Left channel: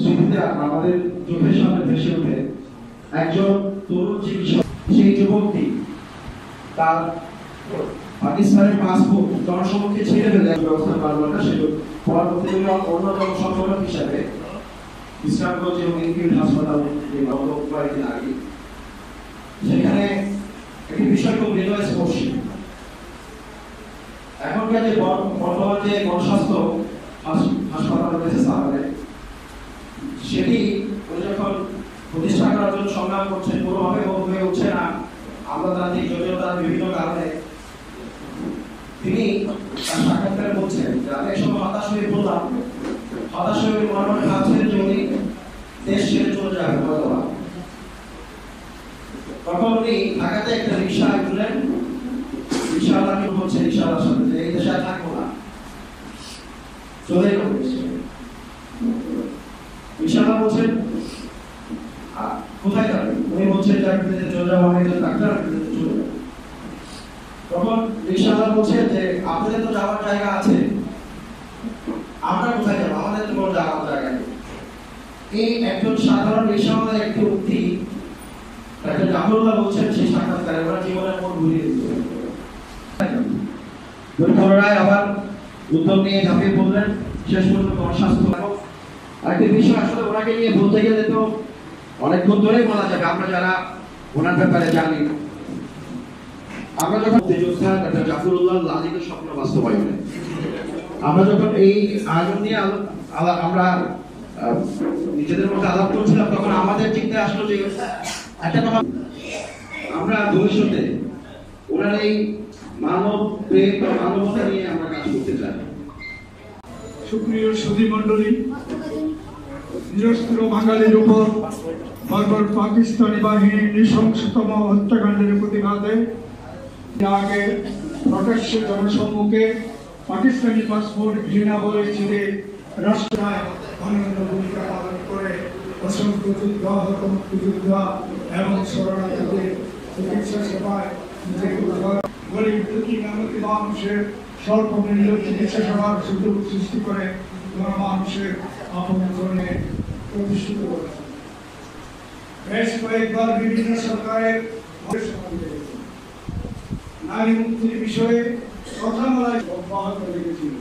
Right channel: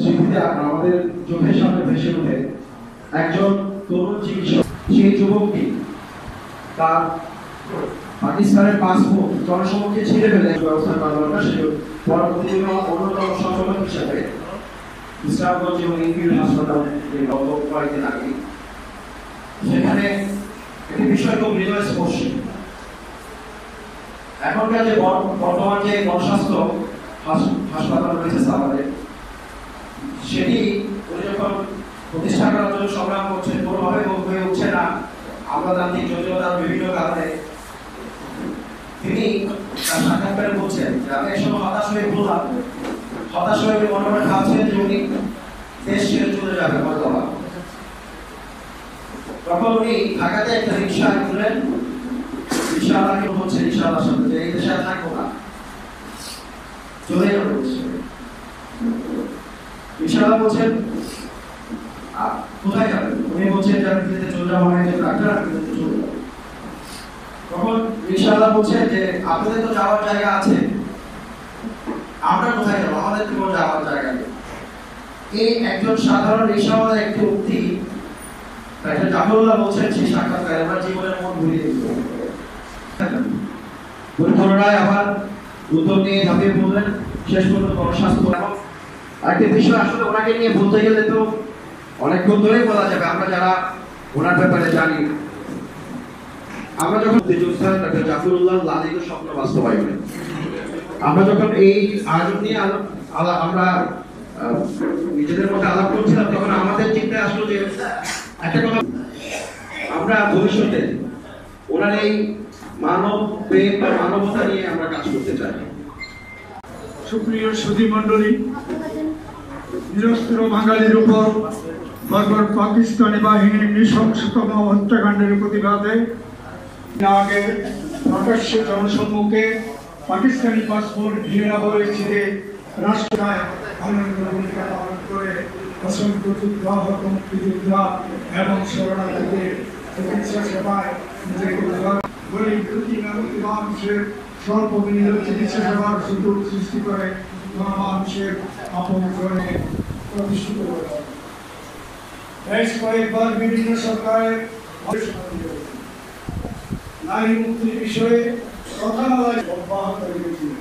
স্মৃতিতে আমাদের চোখের সামনে ভেসে ওঠে একজন তরুণ চিকিৎসক। সেই যুবকটি তার পাকিস্তানের পাসপোর্ট জনসমক্ষে ছিঁড়ে ফেলে ব্যবস্থা করা দরকার। সে পরবর্তীতে অন্যতম সফলতা হিসাবে ইসলামগঞ্জ এবং ইনফিল্ড হাসপাতালে কয়েকদিন আগে সেখানে একটি বিষয় খুব হৃদয়স্পর্শী। এখনকার যে বর্তমান যে গণস্বাস্থ্য হাসপাতাল রয়েছে সাভারে, সেটি উনি যখন প্রতিষ্ঠা করার জন্য সংগ্রাম করছেন, কোনোভাবে হয়ে উঠছে না আমলাতান্ত্রিক জটিলতার বিভিন্ন কারণে। তিনি তার সাক্ষাৎকারে বলছেন যে আমি এসব হতাশ হয়ে বললাম, হতাশ হয়ে মনে মনে ভাবছেন যে উনি দেশ ছেড়ে চলে যাবেন হয়তো। তখন উনি ঢাকাতে একটা রিক্সা তুলেন, রিক্সাওয়ালাকে বলছে রিক্সাওয়ালার সাথে যে এই দেশে আর থাকবো না, চলে যাবো। রিক্সাওয়ালা বলছেন কোথায় যাবেন? উনি বলছেন যে আমি বিদেশে চলে যাবো, আমি একজন ডাক্তার, আমি বিদেশে চলে যাবো। তখন রিক্সাওয়ালা বলছে যে আপনাদের তো যাওয়ার জায়গা আছে, আমরা কোথায় যাবো? আমাদের তো কোনো যাওয়ার জায়গা নেই। এই একজন সাধারণ রিক্সাওয়ালার একটি উক্তি ডাক্তার জাফরুল্লাহ বলছেন সেই সাক্ষাৎকারে আমার জীবনের মন ঘুরিয়ে দিল। পুনরায় আবার উদ্যোগ নিয়ে ঝাঁপিয়ে পড়লেন। শেষ পর্যন্ত গণস্বাস্থ্য এবং একটা বিষয় আসলে ওনাকে নিয়ে বলতে গেলে তো অনেকক্ষণ ধরেই বলা যাবে। আমরা যারা ওনার ব্যাপারে জানি, আমরা যখন যোদ্ধা ডাক্তার জাফরুল্লাহ লালিত স্বপ্ন বাস্তবায়নে আমরা যখন এই আয়োজন নিয়ে আমরা নিজেদের মধ্যে আলাপ করছিলাম, তখন আমাদের চিন্তায় আসলো যে একটা কথা, আমরা ভবিষ্যতে ওনার এই মানব প্রেম বা মানবতা নিয়ে আমরা কাজ করতে চাই। সুপ্রিয় সুধী মন্ডলী, নিরস্ত্র বাঙালির উপর বারবার পাকিস্তানি বাহিনীর নৃশংসতম হত্যাকাণ্ডের প্রতিবাদে আগে প্রকাশ্যে জনসম্মুখে পাকিস্তানি পাসপোর্ট ঘৃণা বলে ছিঁড়ে রাষ্ট্রনায় অনন্য ভূমিকা পালন করে অসংখ্য যোদ্ধা, মুক্তিযোদ্ধা এবং শরণার্থীদের চিকিৎসা সেবায় নিজেকে গরিব দুঃখী মানুষের স্বল্পমূল্য চিকিৎসা সেবার সুযোগ সৃষ্টি করে মানুষের আপন করে প্রতিষ্ঠিত করে। বেশ কয়েকবার বিভিন্ন সরকারের নারী মুক্তির বিষয়ে কথা বলায় অব্যাহত রেখেছিল।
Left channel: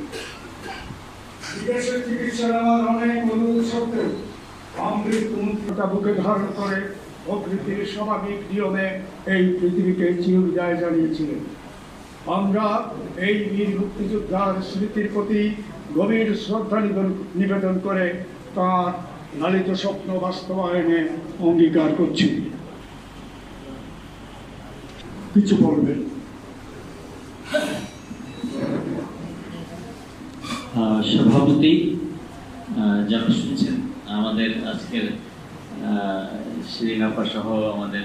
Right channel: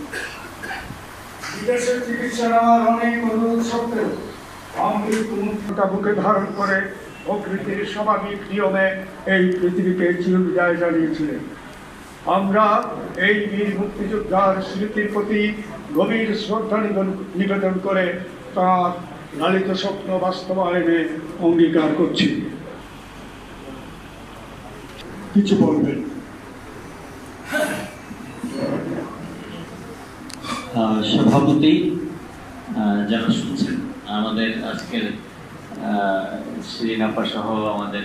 বিদেশে চিকিৎসা নেওয়ার অনেক অনুরোধ সত্ত্বেও মুক্তিটা বুকে ধারণ করে প্রকৃতির স্বাভাবিক নিয়মে এই পৃথিবীকে চিরবিদায় জানিয়েছিলেন। আমরা এই বীর মুক্তিযোদ্ধার স্মৃতির প্রতি গভীর শ্রদ্ধা নিবেদন করে তার লালিত স্বপ্ন বাস্তবায়নে অঙ্গীকার করছি। কিছু বলবেন? সভাপতি যারা শুনছেন, আমাদের আজকের শ্রীনাপা সহ আমাদের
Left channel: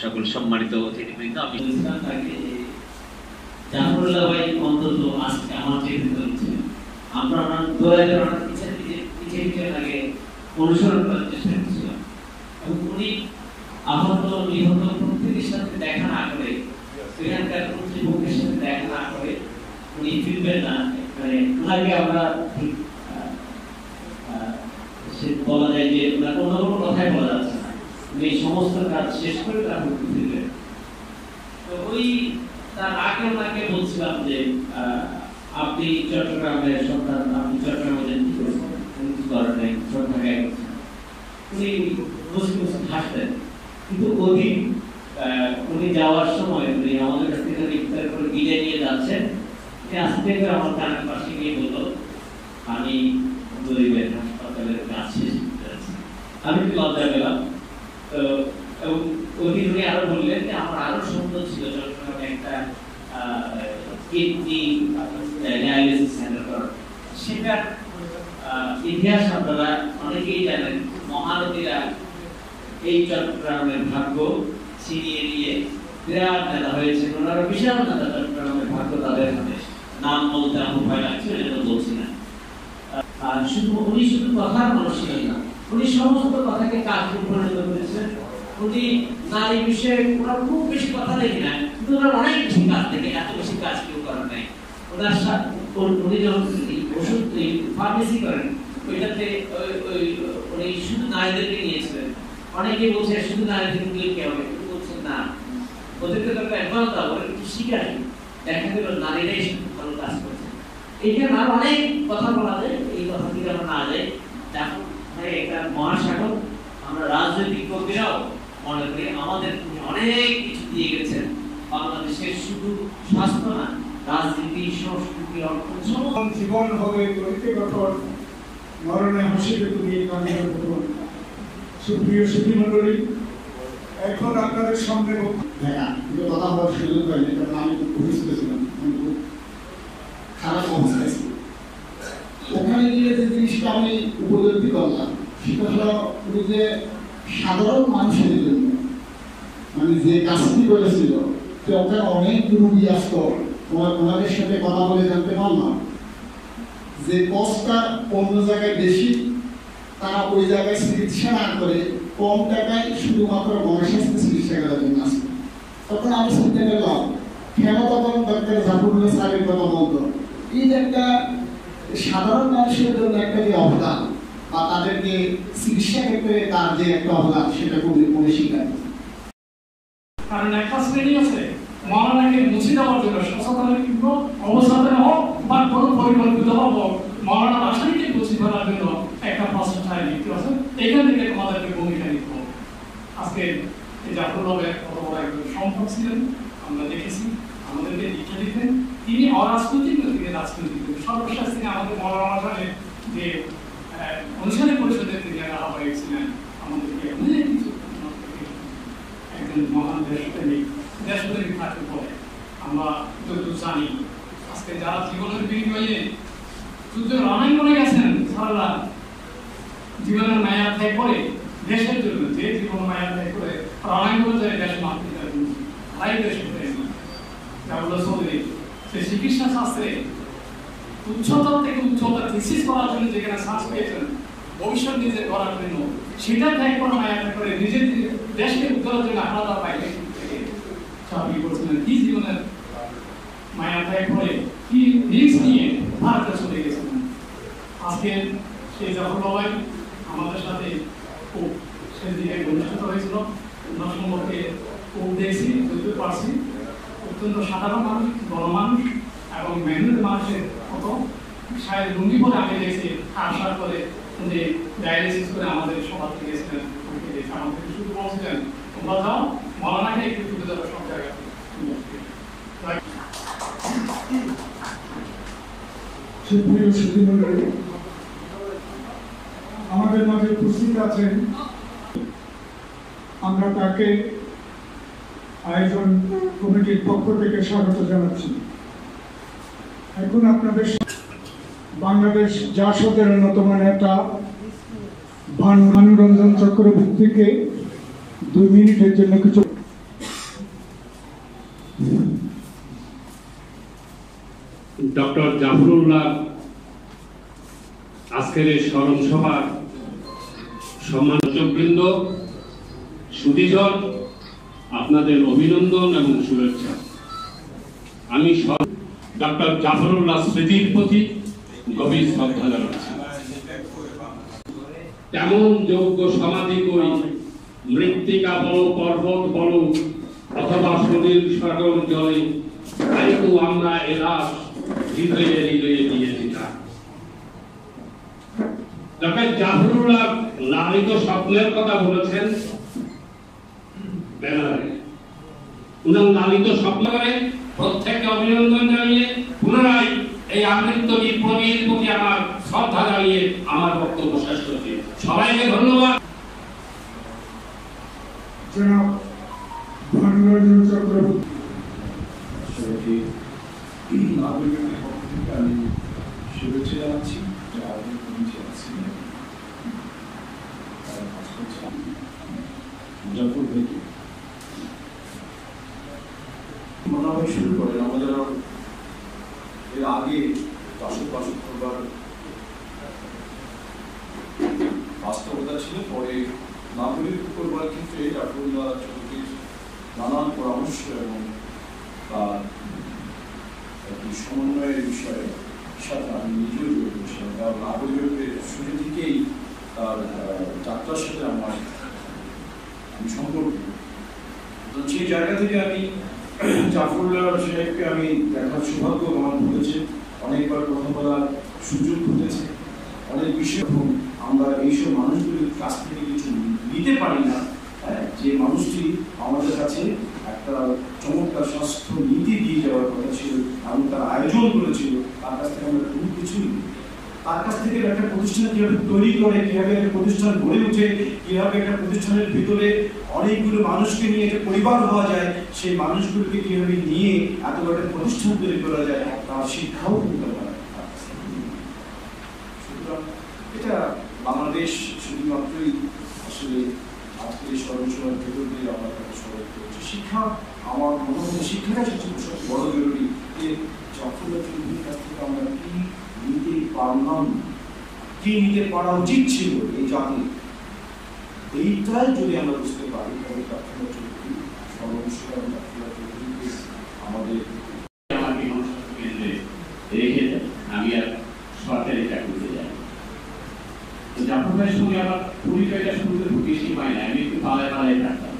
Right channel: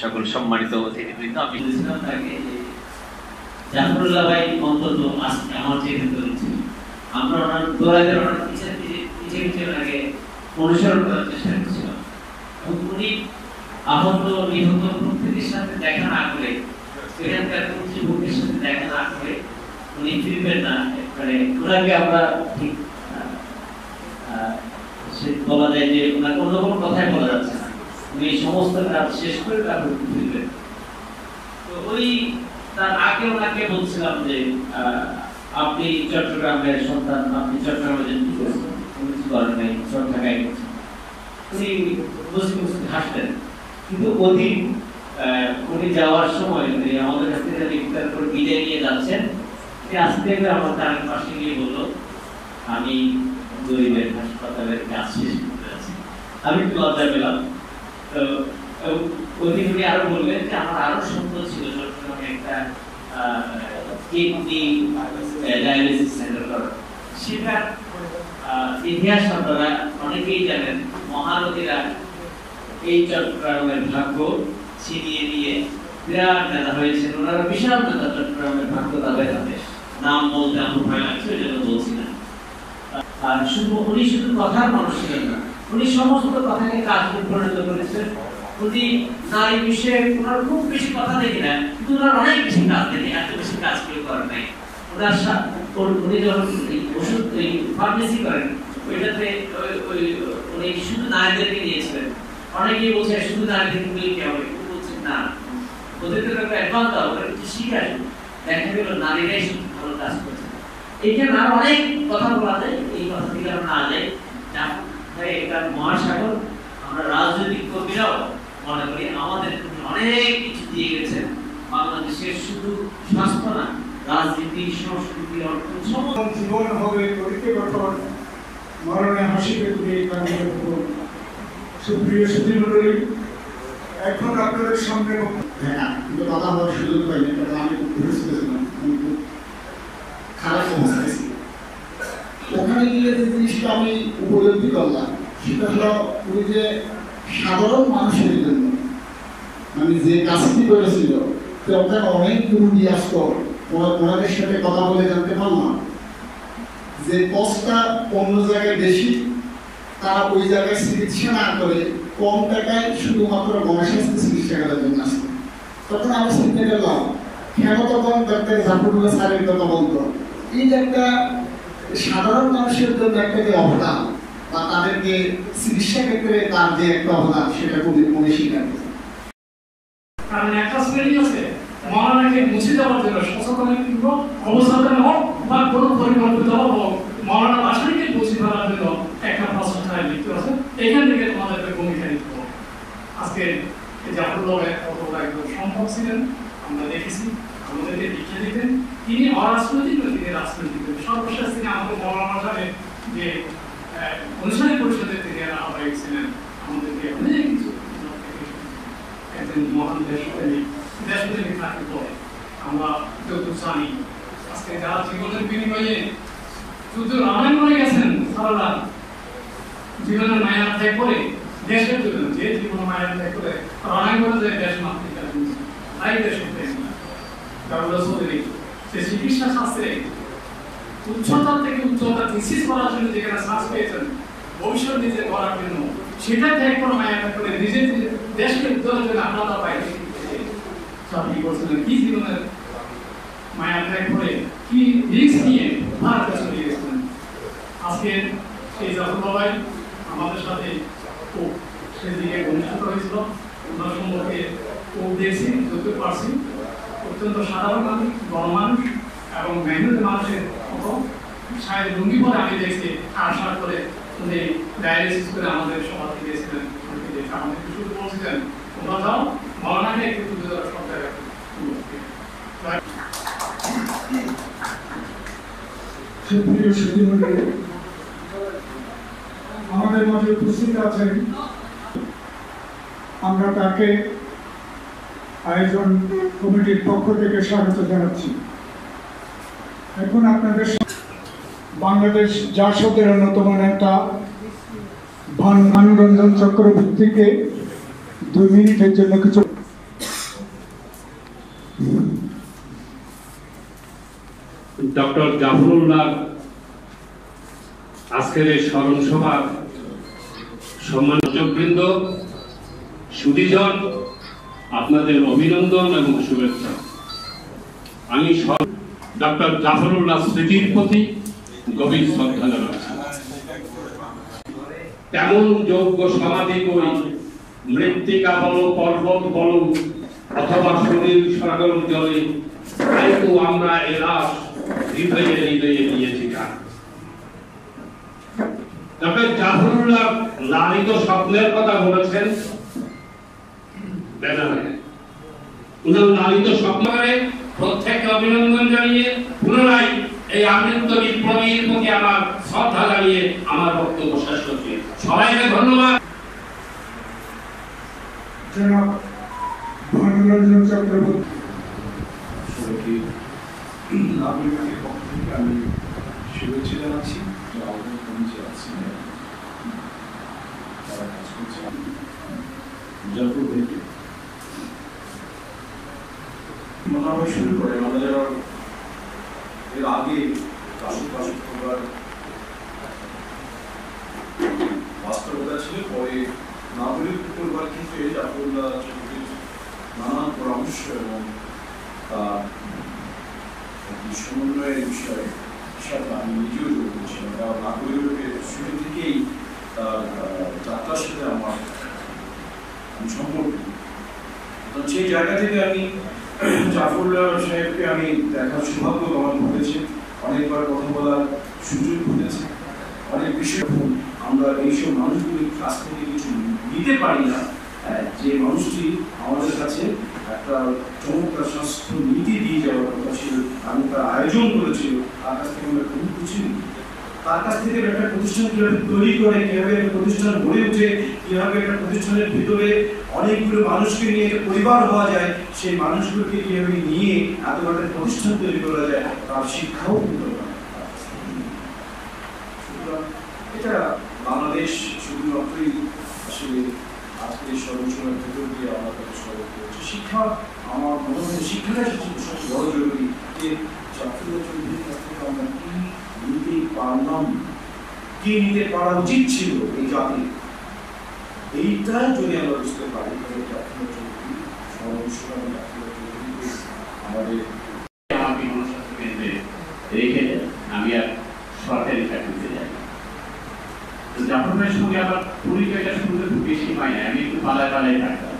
সকল সম্মানিত অতিথিবৃন্দ, আমি বলেছিলাম তাকে জাফরুল্লাহ ভাই অন্তত আজকে আমার চেয়ে ছিল, আমরা ওনার দোলাইদের ওনার পিছিয়ে লাগে অনুসরণ করার চেষ্টা করছিলাম। উনি আহত নিহত প্রত্যেকের সাথে দেখা না করে, এখানকার কর্তৃপক্ষের সাথে দেখা না করে উনি ফিরবেন না। মানে ওনাকে আমরা ঠিক বলা যায় যে ওনাকে অন্য কোনো কথাই বলা যাচ্ছে না। উনি সমস্ত কাজ শেষ করে তারপর ফিরবেন। তো ওই তার আগে ওনাকে বলছিলাম যে আপনি চট্টগ্রামের সন্তান, আপনি চট্টগ্রামে যেন কি করেছেন, কিছু করেন নাই, সব ঢাকায় করছেন। উনি বসে বসে হাসতেন। কিন্তু অধিক উনি যাওয়ার সময় উনি আমাদের কাছ থেকে ইফতার করে বিদায় নিয়ে যাচ্ছেন, আস্তে করে আমার তার পাশে গিয়ে বললো আমি গরিবের হাসপাতালের কাজ শেষ করতে আছি। আমি একটু লজ্জা পেলাম। তো উনি আরো বললেন যে আমার আরো স্বপ্ন ছিল চট্টগ্রামে একটা কিডনি ডায়ালিসিস সেন্টার করার। সেটার ইতিহাস আপনারা অনেকেই জানেন। মহানদীরা এই চট্টগ্রামের ভাগ্য ছিনিয়ে নিয়ে বিরাট নেতা হয়েছে, ওনারা বিশাল নেতা। চট্টগ্রামের ভাগ্য তাদের হাতে, নাম বলতে আমার ভয় লাগছে, ওই জন্য বলছি না। আর উনি শুধু কথার মানুষ ছিলেন না, উনি সমস্ত কথাকে কাজে পরিণত করেছেন। উনি নারী বিষয়ে ওনার খুব বেশি কথা দেখি না, কিন্তু ওনার অনেক বেশি কাজ দেখি, এত বেশি কাজ কেউ করেন নাই। ওনার উনি যখন ওষুধ ফার্মেসি করেন, ওইটাতে উনি শুধু নারীদেরকে নিয়েছিলেন। অনেকেই বলছে শুধু নারীদেরকে নিয়ে কি হবে, কিন্তু বলছেন না, ওদেরকে একটা অ্যাডভান্স দাও, ওরা কিছু শিখে দেখা গেল নারীরাই শুধু ভালো কাজ করছে। এইখানে আরো অনেক কথা বলা যায়, এই কথা থেকে আমরা না যাই। একটা মহাসাগর, আমরা রাজনৈতিক কর্মীরাও মনে করি আমাদের অনেক কিছু দিয়ে গেছেন বাংলাদেশের, শুধু স্বাস্থ্য না, রাজনীতি, সংস্কৃতি, অর্থ, জীবন হবে তরিকে গঠন, মরণে হাসিবে তুমি সুপ্রিয় সুধীমণ্ডলী, এখন আপনাদের সামনে কিন্তু কথা বলার সুযোগ পাইনি, কারণ আমি খুব ঘুরতে ছিলাম, আমি খুব খারাপ অবস্থায় ছিল। ওখানে গিয়ে যে জিনিসটা আমি উপলব্ধি করলাম সেটা হলো উনি যে সাধারণ মানুষের জন্য মানে যে কাজটি করেছিল, ওখানে অনেক রুগী আসতো, ওনাদের সাথে কথা বলে জানতে পারলাম যে কষ্টটা অন্য জায়গায় বেশি, তারা ওই জায়গায় চিকিৎসা না করে কম টাকায় শুধুমাত্র গণস্বাস্থ্য চিকিৎসা করার জন্য আসে। তখন আমি চিন্তা করলাম কেন তখন ডাক্তার জাফরুল্লাহ স্যারের কথা বলতো, এই যে একটা সাধারণ মানুষের জন্য একটা যে অবদান বা তাদেরকে চিকিৎসা ক্ষেত্রে তার যে একটা অবদান সেটা খুবই স্বীকার। কারণ একটা শ্রেণী আছে মহানাকে মুছে দেওয়ার জন্য সচেতন কিন্তু অবস্থান হোক বা কোনো পরিকল্পিত হোক, মহানা আসলেকে মুছে ফেলার জন্য একটা প্রচেষ্টায় লিপ্ত আছে। এখান থেকে তোমাদেরকে ভূমিকা নিতে হবে। আজকে জাফরুল্লাহ একজন সম্ভব ছিলেন, আমরা দেখেছি, আমাদেরকে লিখে দিতেন। তিনি অরাজনৈতিক, তিনি রাজনৈতিক। সর্বশেষ তিনি আমাদের মহানা সাহেব যে অনুসারী পরিষদের তিনি আহ্বায়ক ছিলেন, আমাদেরকে অনেক কিছু একজন মহান দেশপ্রেমিক থাকতে পরে আমরা যত জানি। আজকে যারা জীবনের বিনিময়ে যুদ্ধ রণাঙ্গনে গেছেন, সারা জীবনের মায়া ত্যাগ করে দেশের জন্য, যে জীবন মায়া ত্যাগ করে রণাঙ্গনে যায় দেশ মাতৃকার জন্য, তাই দেশের প্রেমী চৌধুরী সে চিকিৎসা শাস্ত্রে উচ্চতার থেকে উচ্চতা থিসিস করার জন্য যেখানে শ্বাস পেয়েছেন, ভবিষ্যৎ নিজে করার জন্য, সেটা ত্যাগ করে মায়া ত্যাগ করে নিজের দেশকে উজ্জ্বলের জন্য আপনারা পাইলে চাকরি করছিলেন। কি জীবনের মায়া ত্যাগ করে কি রিস্ক নিয়ে ভারতে চলে গেছিলেন। আজকে এই জাফরুল্লাহ ভাই আমাদের সাথে খুব সেদিকে ঘনিষ্ঠ হয়েছিল, ওনার সম্পর্কে খুব দেখছি, যত পারছি। অত্যন্ত সাধারণ মানুষ, বড় মানুষ এবং মেহনত মানুষের মতো সাহেব লুঙ্গি পরে আমি দেখছি, আশা করে উনি ডায়ালিসিস করে আমাদের সভা থেকে গেছিলেন। আমাদেরকে শুধু বলছিলেন তোমরা যাও, মৌলানাকে একটু তুলে ধরো সব জায়গায়। সুপ্রিয় সুধীমণ্ডলী, আমাদের মাঝে উপস্থিত আছেন, আমরা তাকে আয়োজন কমিটির পক্ষ থেকে স্বাগত জানাচ্ছি। এখন আপনাদের বাংলাদেশ জাসদের অন্যতম নেতা ভানুরঞ্জন চক্রবর্তীকে 2 মিনিটের জন্য কিছু। ডক্টর জাফরুল্লাহ আজকের এই স্মরণ সভার সম্মানবৃন্দ, সুধীজন, আপনাদের অভিনন্দন এবং শুভেচ্ছা। আমি ডক্টর জাফরুল্লাহ স্মৃতির প্রতি গভীর শ্রদ্ধা জানাচ্ছি। তেমন যোগ্য সমাধি করি, মৃত্তিকা বলো, পর্বত বলো অথবা সুনীল সাগর জলে, কিন্তু আমরা এ লাশ হৃদয়ে হৃদয়ে দিয়েছি। ডক্টর জাফরুল্লাহ লালিত স্বপ্নের কথা বলেছেন ব্যানারে। উনার লালিত স্বপ্ন করে প্রত্যেককে অভিনন্দন জানিয়ে পুনরায় এই আমৃত্যু বিপ্লবীর প্রতি আমার শ্রদ্ধা জানিয়ে আমার বক্তব্য শেষ করছি। সবাইকে ধন্যবাদ। জনাব ভানুরঞ্জন চক্রবর্তী, আমি শুভেচ্ছা জানাচ্ছি। মনোভাব শুরু করে আমরা যারা এর আগে বাস্তবতা ছিল, পরে নাগরিক পরিবার থেকে জাফরুল্লাহ চৌধুরীর নানান পরামর্শ এবং তার সমন্বয়ের বিষয়ে সাথে আমি নিজেও যোগ করছিলাম। কারণ নাগরিকের শুরু থেকেই তার সম্পর্কে। তো সেই জায়গা থেকে আমি জাফরুল্লাহ সাহেবকে আমি দেখার সৌভাগ্য আমার হয়েছে, অনেকবার কথা বলার সুযোগ হয়েছে, অনেক বিষয় আমরা এইসব মানুষগুলির কাছ থেকে কিছু নিতে পারি না। যে মানুষটি আমাদের কাছে একটা চমৎকার স্বাস্থ্য নীতি দিয়ে যাওয়ার কথা ছিল এবং তার আয়োজন করেছিল, তার কাছ থেকে আমরা কোনো কিছু নিই। তার কাছ থেকে একটা প্রতিষ্ঠান কিভাবে তৈরি করে, কিভাবে একটা প্রতিষ্ঠান গড়ে উঠে, কিভাবে একটা প্রতিষ্ঠানের ভিতরে অনেকগুলো মানুষকে নিয়ে একটা পরিবার হওয়া যায়, সেই মানুষগুলোকে কিভাবে নিয়ে এত বড় একটা প্রতিষ্ঠান তৈরি করা যায়, তার শিক্ষাও কিন্তু এটা বাংলাদেশ শুধুমাত্রই আসলে আজকের সর্বসময়ের ভেতর দিয়ে আমরা তাকে স্মরণ করছি। শিক্ষা আমার মনে হয় শিক্ষাটা সবচেয়ে বড় জরুরি। যে জাফরুল্লাহ চৌধুরীর কাছ থেকে আমরা কি নিতে পারলাম, কি নিতে পারা উচিত ছিল এই জাতির, এইটা যদি আমরা বুঝতে পারি তাহলে জাফরুল্লাহ চৌধুরী সর্বসময় জাফরুল্লাহ চৌধুরীকে আমাদের রেখে দেয়। আমি আর সরকারি চাকরিতে যাই। তো জাফর ভাইয়ের সঙ্গে আমার পরিচয়টা শুনতে খুব বেশি পাই না, আমি একটু পালায় পালায় থাকতাম।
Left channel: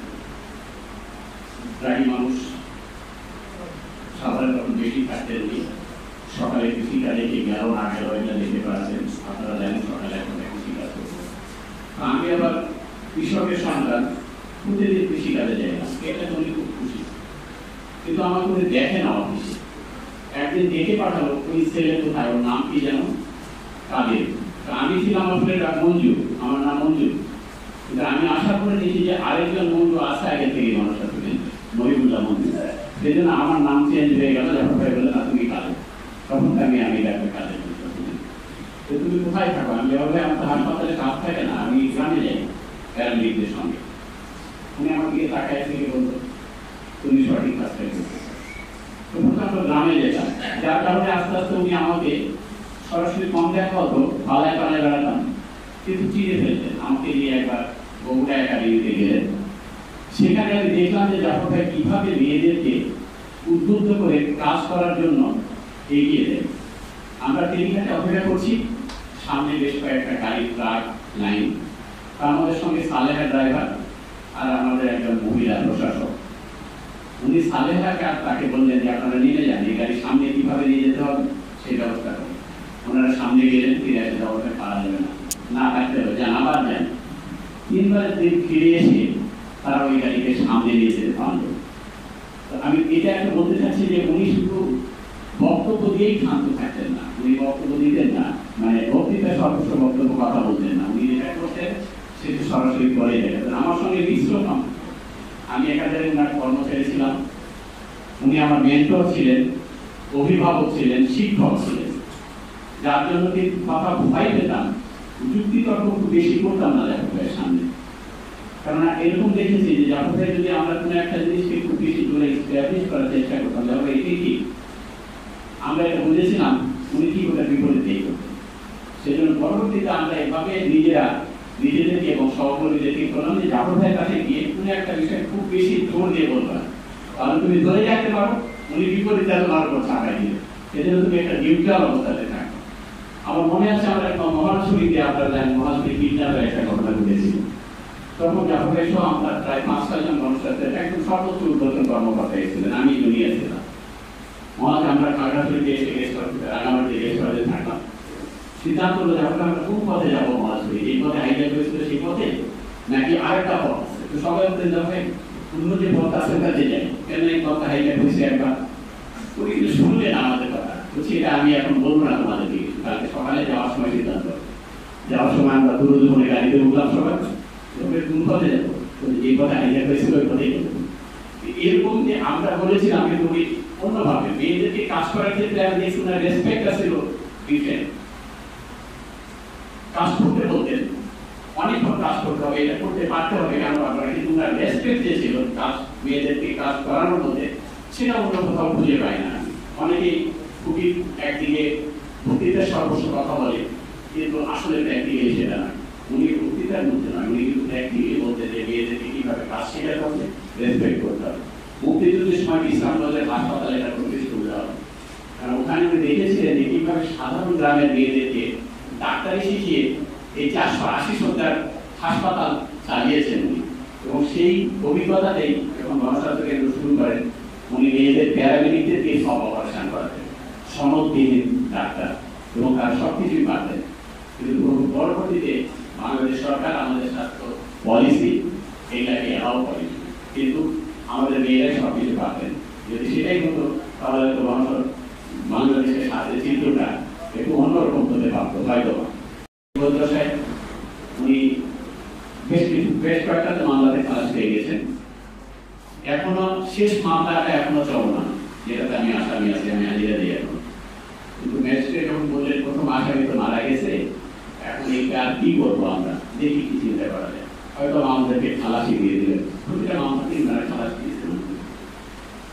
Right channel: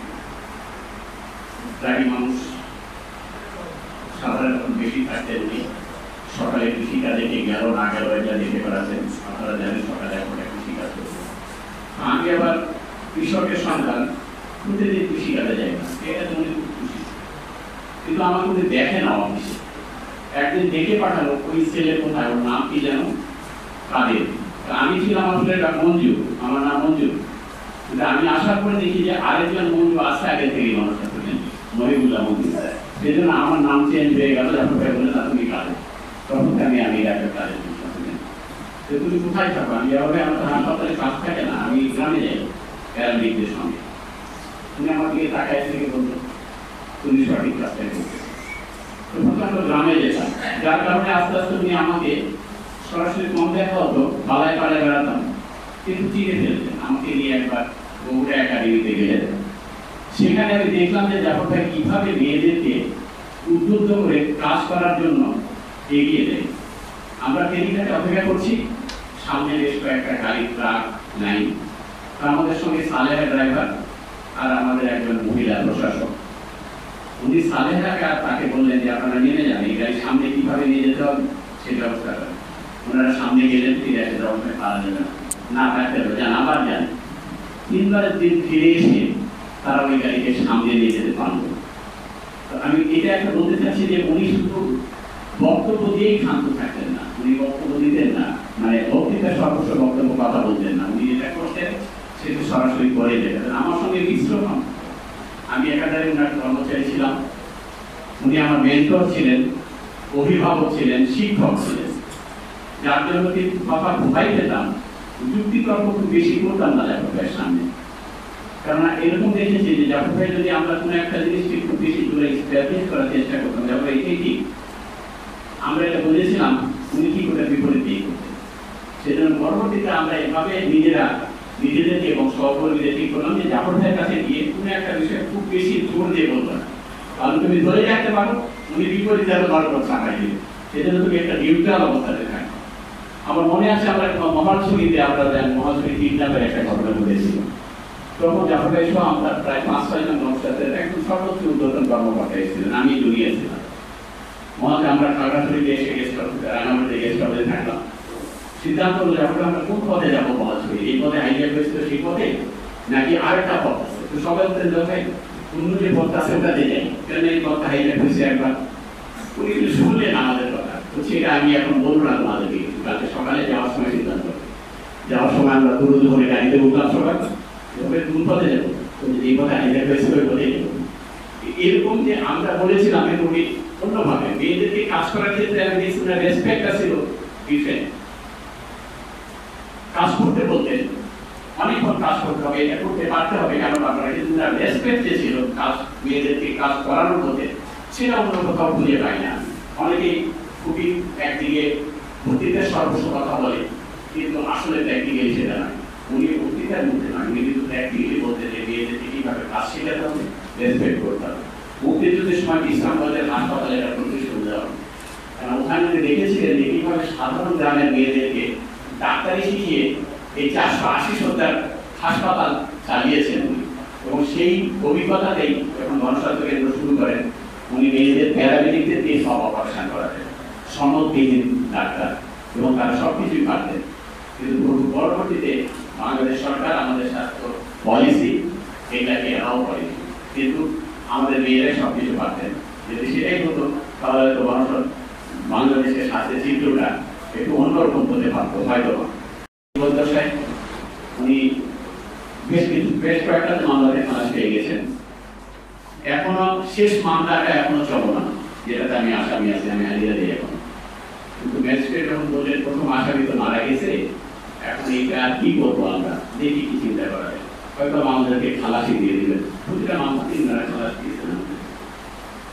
রাগী মানুষ, সাধারণত বেশি থাকতেন কি সকালে কৃষিকাজে কে গেল না গেল এটা দেখে বেড়াচ্ছেন। আপনারা জানেন সকালে এখন কৃষিকাজ করছে। আমি আবার কৃষকের সন্তান, প্রতিদিন কৃষিকাজে যাই না, এটা জন্য খুব খুশি। কিন্তু আমার মধ্যে দেখে না অফিসে। একদিন দেখে পাঠালো ওই ছেলে কোথায়, ওর নাম কি যেন কাদের। আমি ছিলাম আসলে মঞ্জু, আমার নাম মঞ্জু। কিন্তু আমি আসার পরে দেখি যে আরেকজন মঞ্জু আসে আগে থেকে মানুষটা থাকেন, মহিবুল্লাহ মঞ্জু। সেই জন্য আমার নাম চেঞ্জ হয়ে গেল। যখন ভাই বলে না তুমি কাদের, তখন আমি একটা কাজের তুমি কোথায় থাকো? আমি যেভাবে আমাদের হাসপাতালে কাজ থাকে না, আমি গ্রামে যাই প্যারামেডিকদের সঙ্গে। তুমি আমার দিকে তাকায় থেকে বলতো তুমি সঠিক কাজটা করবে। তো প্রথমত গ্রামে যেতাম, যার কারণে আস্তে আস্তে উনি আমাকে সরাসরি কম দেখা হতো, পালায় পালায় বেড়াতাম, কিন্তু চিনে ফেলতেন। আমাকে নিয়ে একবার বগুড়া একাডেমিতে গেলেন। সেখানে আমি দেখলাম যে জাফর ভাই কিভাবে মেয়েদেরকে উদ্বুদ্ধ করে কাজ করার জন্য এগিয়ে দেয়। আমরা টেলিকাতে অপেক্ষা করছি, সামনে বেশ কয়েকটা গাড়ি ট্রাক লাইন, আমাদের সঙ্গে সালেহা ড্রাইভার আর আমাদের একজন মহিলা প্রশাসক। উনি সালেহাকে আর তাকে বললেন যে আপনারা নেমে যান, এই গাড়ি সামনে কিভাবে নিয়ে যেতে হবে সেই ব্যবস্থা করেন। ওনারা সামনে গেলেন, ফিরে আসে যাওয়ার পারা যাবে না থাকতে হবে, যান আবার যান। 3 বারের দিন ফিরে এসে তারা ওই গাড়িকে সামনে নিয়ে যেতে পারলো। তো আমি এটা একটা বলতে চাচ্ছি যে উনি শুধু বক্তব্য দিয়েই ক্ষান্ত থাকতেন না, উনি বক্তব্য দিতেন না, মানে বক্তৃতার সর্বস্ব বক্তব্য কথা বলতেন না। উনি যেটা করতেন সেটা সরাসরি করে দেখাতেন। আমার সঙ্গে মিশ্রণ, আমি একাধারে ওনার কর্মচারী ছিলাম, উনি আমার মেন্টর ছিলেন, অভিভাবক ছিলেন, শিক্ষক ছিলেন, যার জন্য কিন্তু কথা ভয় পেতাম, যুক্তি তর্ক খুব বেশি করতাম না জাফর ভাইয়ের সামনে। কারণ এরকম দেখেছি যে জাফর ভাই যদি আমরা কোনো একটা জিনিসকে খুব বেশি দূরে এস্টাবলিশ করার চেষ্টা করতাম, জাফর ভাই এটাই ঠিক, আমরা এটা বুঝেছিলাম, উনি ঠিক ওটা বিপরীত দিয়ে করতেন। সেজন্য পরবর্তীতে আমরা এভাবে নিজেদেরকে এবং সহকর্মীদের ঠিক করলাম যে জাফর ভাইয়ের কাছে গিয়ে তুমি একটা বিষয় খুব বেশি জোর দিয়ে বলবে না, কারণ তুমি ধরে রাখতে পারো উনি বিপরীত তোমার উপর চাপাই দিয়ে, সেজন্য তুমি একটা নিউট্রাল অবস্থাতে থাকো। আমার মনে আছে আমরা মহাশরীতে আপনারা মহাশরী কিডন্যাপের একটা ঘটনা ঘটেছিল, তখন জাফর ভাই সহ আমরা প্রায় 5-6 জন মানুষের একদম সর্বোচ্চ ঊর্ধ্বতন কর্মকর্তা এসেছিলেন, আমি জুনিয়র ছিলাম। মহাশয় আমরা খাগড়াছড়িতে এসে গেছি, রাঙামাটিতে গেছি, থাকলাম। সিদ্ধান্ত হলো যখন আমরা কোন পথে যাবো, মহাশয় এই পথে হাইজ্যাক হয়েছিল সেই পথে নাকি আরেকটা পথ আছে। তো সবাই বলতেন যে ভাই অন্য যে পথ আছে ওটাতে যাই, কেন এই পথটা হাইজ্যাক হয়েছে একবার। উনি কিন্তু শুনলেন আমাদের কথা, তো সেটা আমি এখন বলবো না তোমাদেরকে, কালকে সকালে যাওয়ার সময় সিদ্ধান্ত, যাওয়ার সময় আমরা দুপুরে গাড়িতে উঠলাম, সবাই কোন পথে যাবো, এই পথে হাইজ্যাক হয়েছে ওই পথে যাবো। এরকম যে আমরা বলেছিলাম উনি অন্যভাবে মেয়েদেরকে কাজ করার ক্ষেত্রে আমি দেখছি না রেসপেক্ট ছিল ডিফারেন্ট। কাজ করতে বলতেন, অনেকক্ষণ কাজ করতে হবে, এটা করতে পারতে হবে, কেন আপনারা কিন্তু না রেসপেক্ট যে ছিল কাজ, মেয়েদেরকে কাজ করানোর মধ্যে, সেটা অন্য কোথাও খুঁজে পাই না। অনেকেই খুবই একদিকে বক্তৃতার সর্বস্ব কথা বলে, কিন্তু আসলে প্র্যাকটিক্যালি সেটা না। উনি বক্তৃতার মধ্যে নয়, উনি কিন্তু প্র্যাকটিক্যালি বলতে যে মেয়েদেরকে কিভাবে কাজ শেখাতে হবে, রেসপেক্ট করতে হবে। মুক্তিযুদ্ধের সময় বিশ্রামবাজার হাসপাতালে একটা প্রতিষ্ঠান দেওয়া হবে, কারণ ওখানে উনি দেখেছিলেন যে কিভাবে সাধারণ গ্রামের মেয়েদেরকে ডাক্তারি শিখিয়ে এই 480 শয্যার হাসপাতাল চালিয়েছেন উনি। এবং সেই অভিজ্ঞতাতেই যখন গণস্বাস্থ্য কেন্দ্র শুরু করেন উনি মেয়েদের প্যারামেডিকদের দিয়ে সব অপারেশন করাতেন, সনদবিহীন ডাক্তার, এবং তারা সবকিছুই পারতেন। কিন্তু পরবর্তীতে বাংলাদেশ সরকার আমাদের স্বাস্থ্য পলিসি এটাকে অ্যালাউ করেনি, কিন্তু আমাদের মেয়েরাই সবকিছু পারতেন। যদি সেটাই হতো তাহলে হয়তো বাংলাদেশের স্বাস্থ্যের চিত্রটা একটু অন্যরকম হতে পারতো হয়তো। উনি বেশ কয়েকটা মামলাতে খালাস পেয়ে গেছেন। এখনো শেষ মামলাটা এখনো চলমান, যেটাতে আমি আসামি আছি, আমি হাজিরা দিই এখনো। কিন্তু ম্যাজিস্ট্রেট যখন বললেন প্রথম আসামি তো মারা গেছে, এখন এইটা আর কি করবো আমরা, দেখি কি চিন্তা করা যায়, হয়তো আমাদেরকে খালাসি দিয়ে দিলেন। প্রতিটা মামলা 3 বার খালাস দিয়েছেন।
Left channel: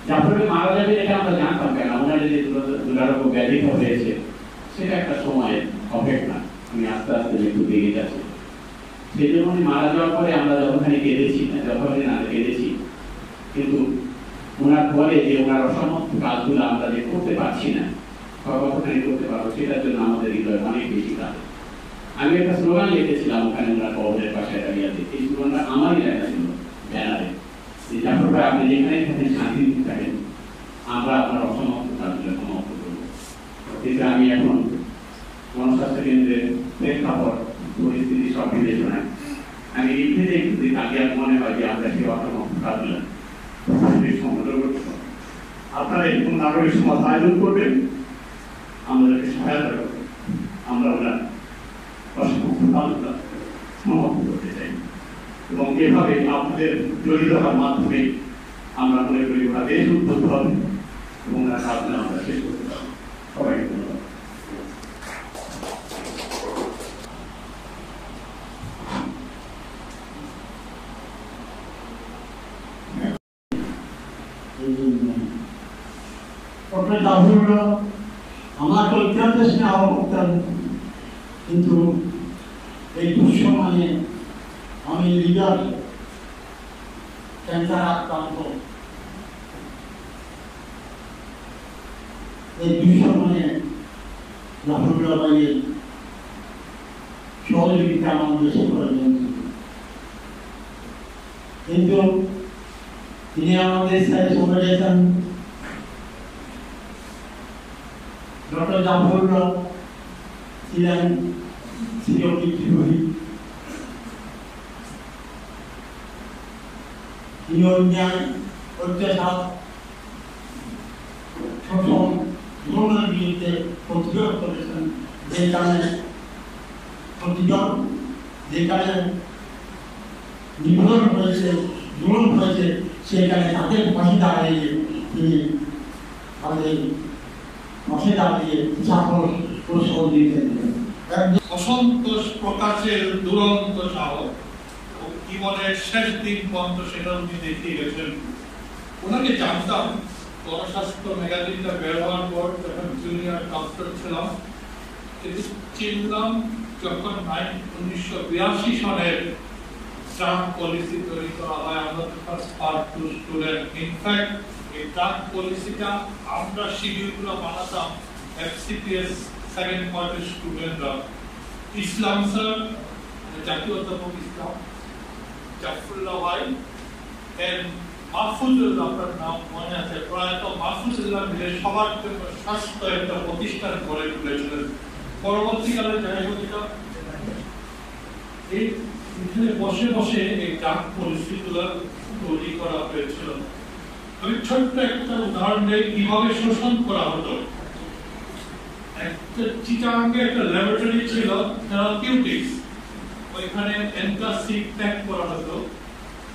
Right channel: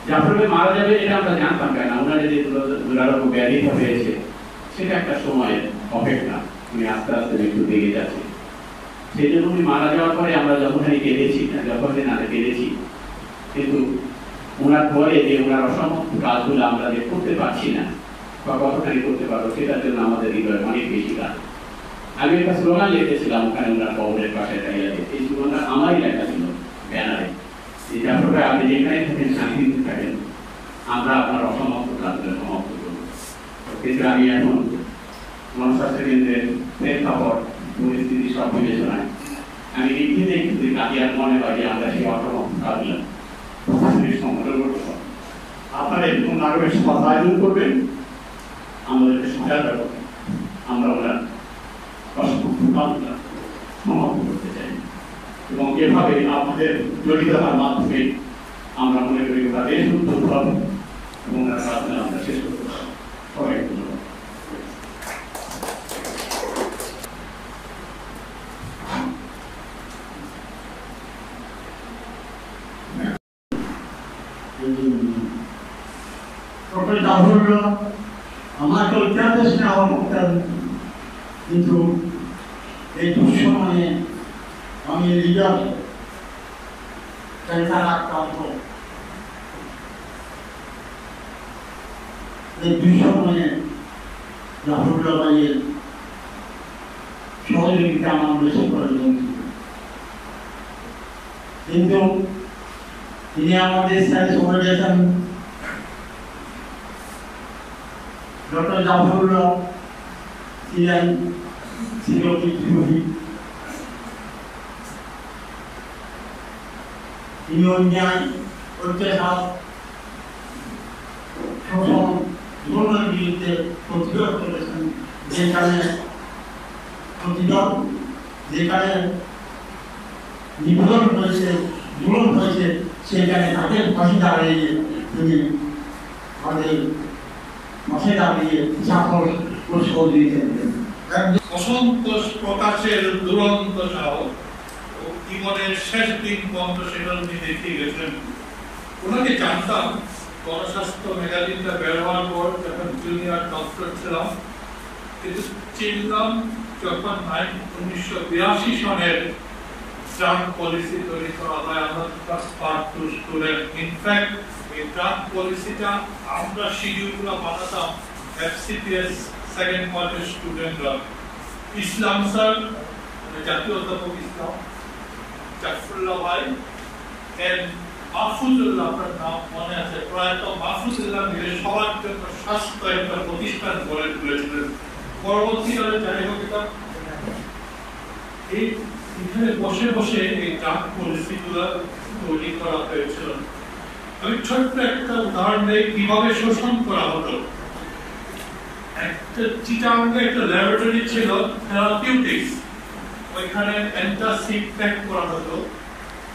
জাফরকে মারা যাবে এটা আমরা জানতাম কেন, ওনার যে দুরারোগ্য ব্যাধিত হয়েছে সেটা একটা সময়ের অপেক্ষা, উনি আস্তে আস্তে মৃত্যু দিকে যাচ্ছে। সেই জন্য উনি মারা যাওয়ার পরে আমরা যতখানি কেঁদেছি কেঁদেছি, কিন্তু ওনার পরে যে ওনার অসম্ভব কাজগুলো আমরা যে করতে পারছি না বা কতখানি করতে পারবো সেটার জন্য আমাদের হৃদয় অনেক বেশি কাজ। আমি একটা স্লোগান লিখেছিলাম ওখানে ওনার কবরের পাশে দাঁড়িয়ে, এই স্লোগানটা আমারই লেখা ছিল ব্যানারে, যে জাফর ভাই আপনি যেখানে থাকেন শান্তিতে থাকেন, আমরা আপনার অসমাপ্ত কাজগুলো সমাপ্ত করব। কিন্তু আমি এখন গণস্বাস্থ্য কেন্দ্রের প্রেক্ষাপট পরিস্থিতি সব বিবেচনায় আমি এমনিতেই কিন্তু কাদিয়ার মনে হয় যে আমরা সেই অসমাপ্ত কাজগুলো সংগঠন করতে পারবো। আপনারা এরকম নাগরিক সমাজ আয়োজন করবেন, আমাদেরকে সহায়তা করবেন, আমরা ওরা অসমাপ্ত কাজগুলো সমাপ্ত করতে চাই। এবং এভাবে আপনাদের জড়িত হওয়ার মাধ্যমে আমরা মনে করি ওরা দেশ উদ্যোগ হবে এবং ওরা কাজগুলো আমরা শেষ করতে পারবো। সবাইকে ধন্যবাদ। ডক্টর জাফরুল্লাহ আমাকে অত্যন্ত স্নেহ করতেন, কিন্তু এই দুঃসময়ে আমি লিডার ক্যান্সার আক্রান্ত, এই দুঃসময়ে জাফরুল্লাহ ভাইয়ের সহযোগিতা আমার বেশি প্রয়োজন ছিল। কিন্তু তিনি আমাদের সাথে চলে গেছেন। ডক্টর জাফরুল্লাহ ছিলেন চিরবিদ্রোহী, তিনি অন্যায়, অত্যাচার, শোষণ, জুলুমের বিরুদ্ধে প্রতিবাদ করেছেন। যেখানে নিপীড়ন হয়েছে, জুলুম হয়েছে, সেখানে তাদের পাশে দাঁড়িয়ে তিনি আমাদের পাশে দাঁড়িয়ে সাফল্য কৌশল দিয়েছেন। অসন্তোষ প্রকাশের দুরন্ত সাহস, জীবনের শেষ দিন পর্যন্ত সেটা উনি দেখিয়ে গেছেন। ওনাকে জানতাম গণস্বাস্থ্য ম্যাগাজিনটা বের হওয়ার পর, যখন জুনিয়র ডক্টর ছিলাম, কিন্তু চিনলাম যখন 1982 সনের ড্রাগ পলিসি তৈরি করা হয়। আমরা পার্ট 2 স্টুডেন্ট। ইনফ্যাক্ট এই ড্রাগ পলিসিটা আমরা শিডিউলগুলো বানাতাম FCPS সেকেন্ড কোয়ার্টার স্টুডেন্টরা। ইসলাম স্যার, জাতীয় অধ্যাপক ইসলাম, জাফরুল্লাহ ভাই, মাহফুজুল্লাহ, আপনার নাম মনে আছে, প্রয়াত মাহফুজুল্লাহ মিলে সবার জন্য স্বাস্থ্য একটা প্রতিষ্ঠান গড়ে তুলেছিলেন। পরবর্তীকালে যাই হোক, এখানে বসে বসে এই ড্রাগ পলিসিগুলো তৈরি করা হয়েছিল। আমি ছোট্ট একটা উদাহরণ দিই কিভাবে শোষণ করা হতো। একটা চিটাগাঙ্গে একটা ল্যাবরেটরি ছিল থেরাপিউটিক্স, ওইখানে অ্যান্টাসিড প্যাক করা হতো,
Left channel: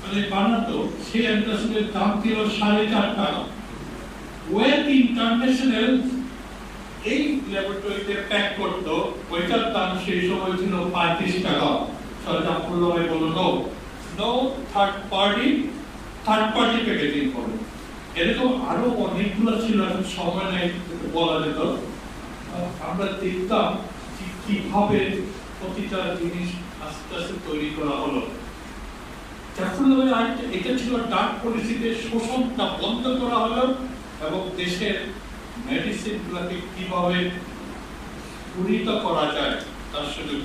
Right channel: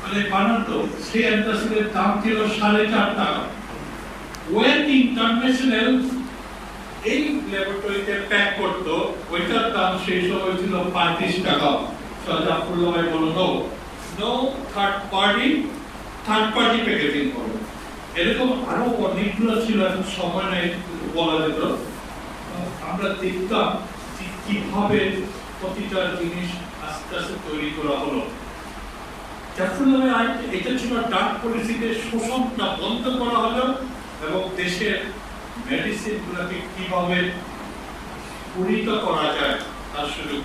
মানে বানাতো। সেই অ্যান্টাসিডের দাম ছিল 4.5 টাকা। ওয়েন ইন্টারন্যাশনাল এই ল্যাবরেটরিতে প্যাক করতো, ওইটার দাম সেই সময় ছিল 35 টাকা। জাফরুল্লাহ ভাই বললো নো থার্ড পার্টি প্যাকেজিং করো। এরকম আরো অনেকগুলো ছিল, সময় নেই বলা যেত। আমরা দেখতাম কিভাবে প্রতিটা জিনিস আস্তে আস্তে তৈরি করা হলো। জাফরুল্লাহ এটা ছিল ড্রাগ পলিসিতে শোষণটা বন্ধ করা হলো এবং দেশের মেডিসিন গুলোকে কিভাবে পরিণত করা যায় তার সুযোগ।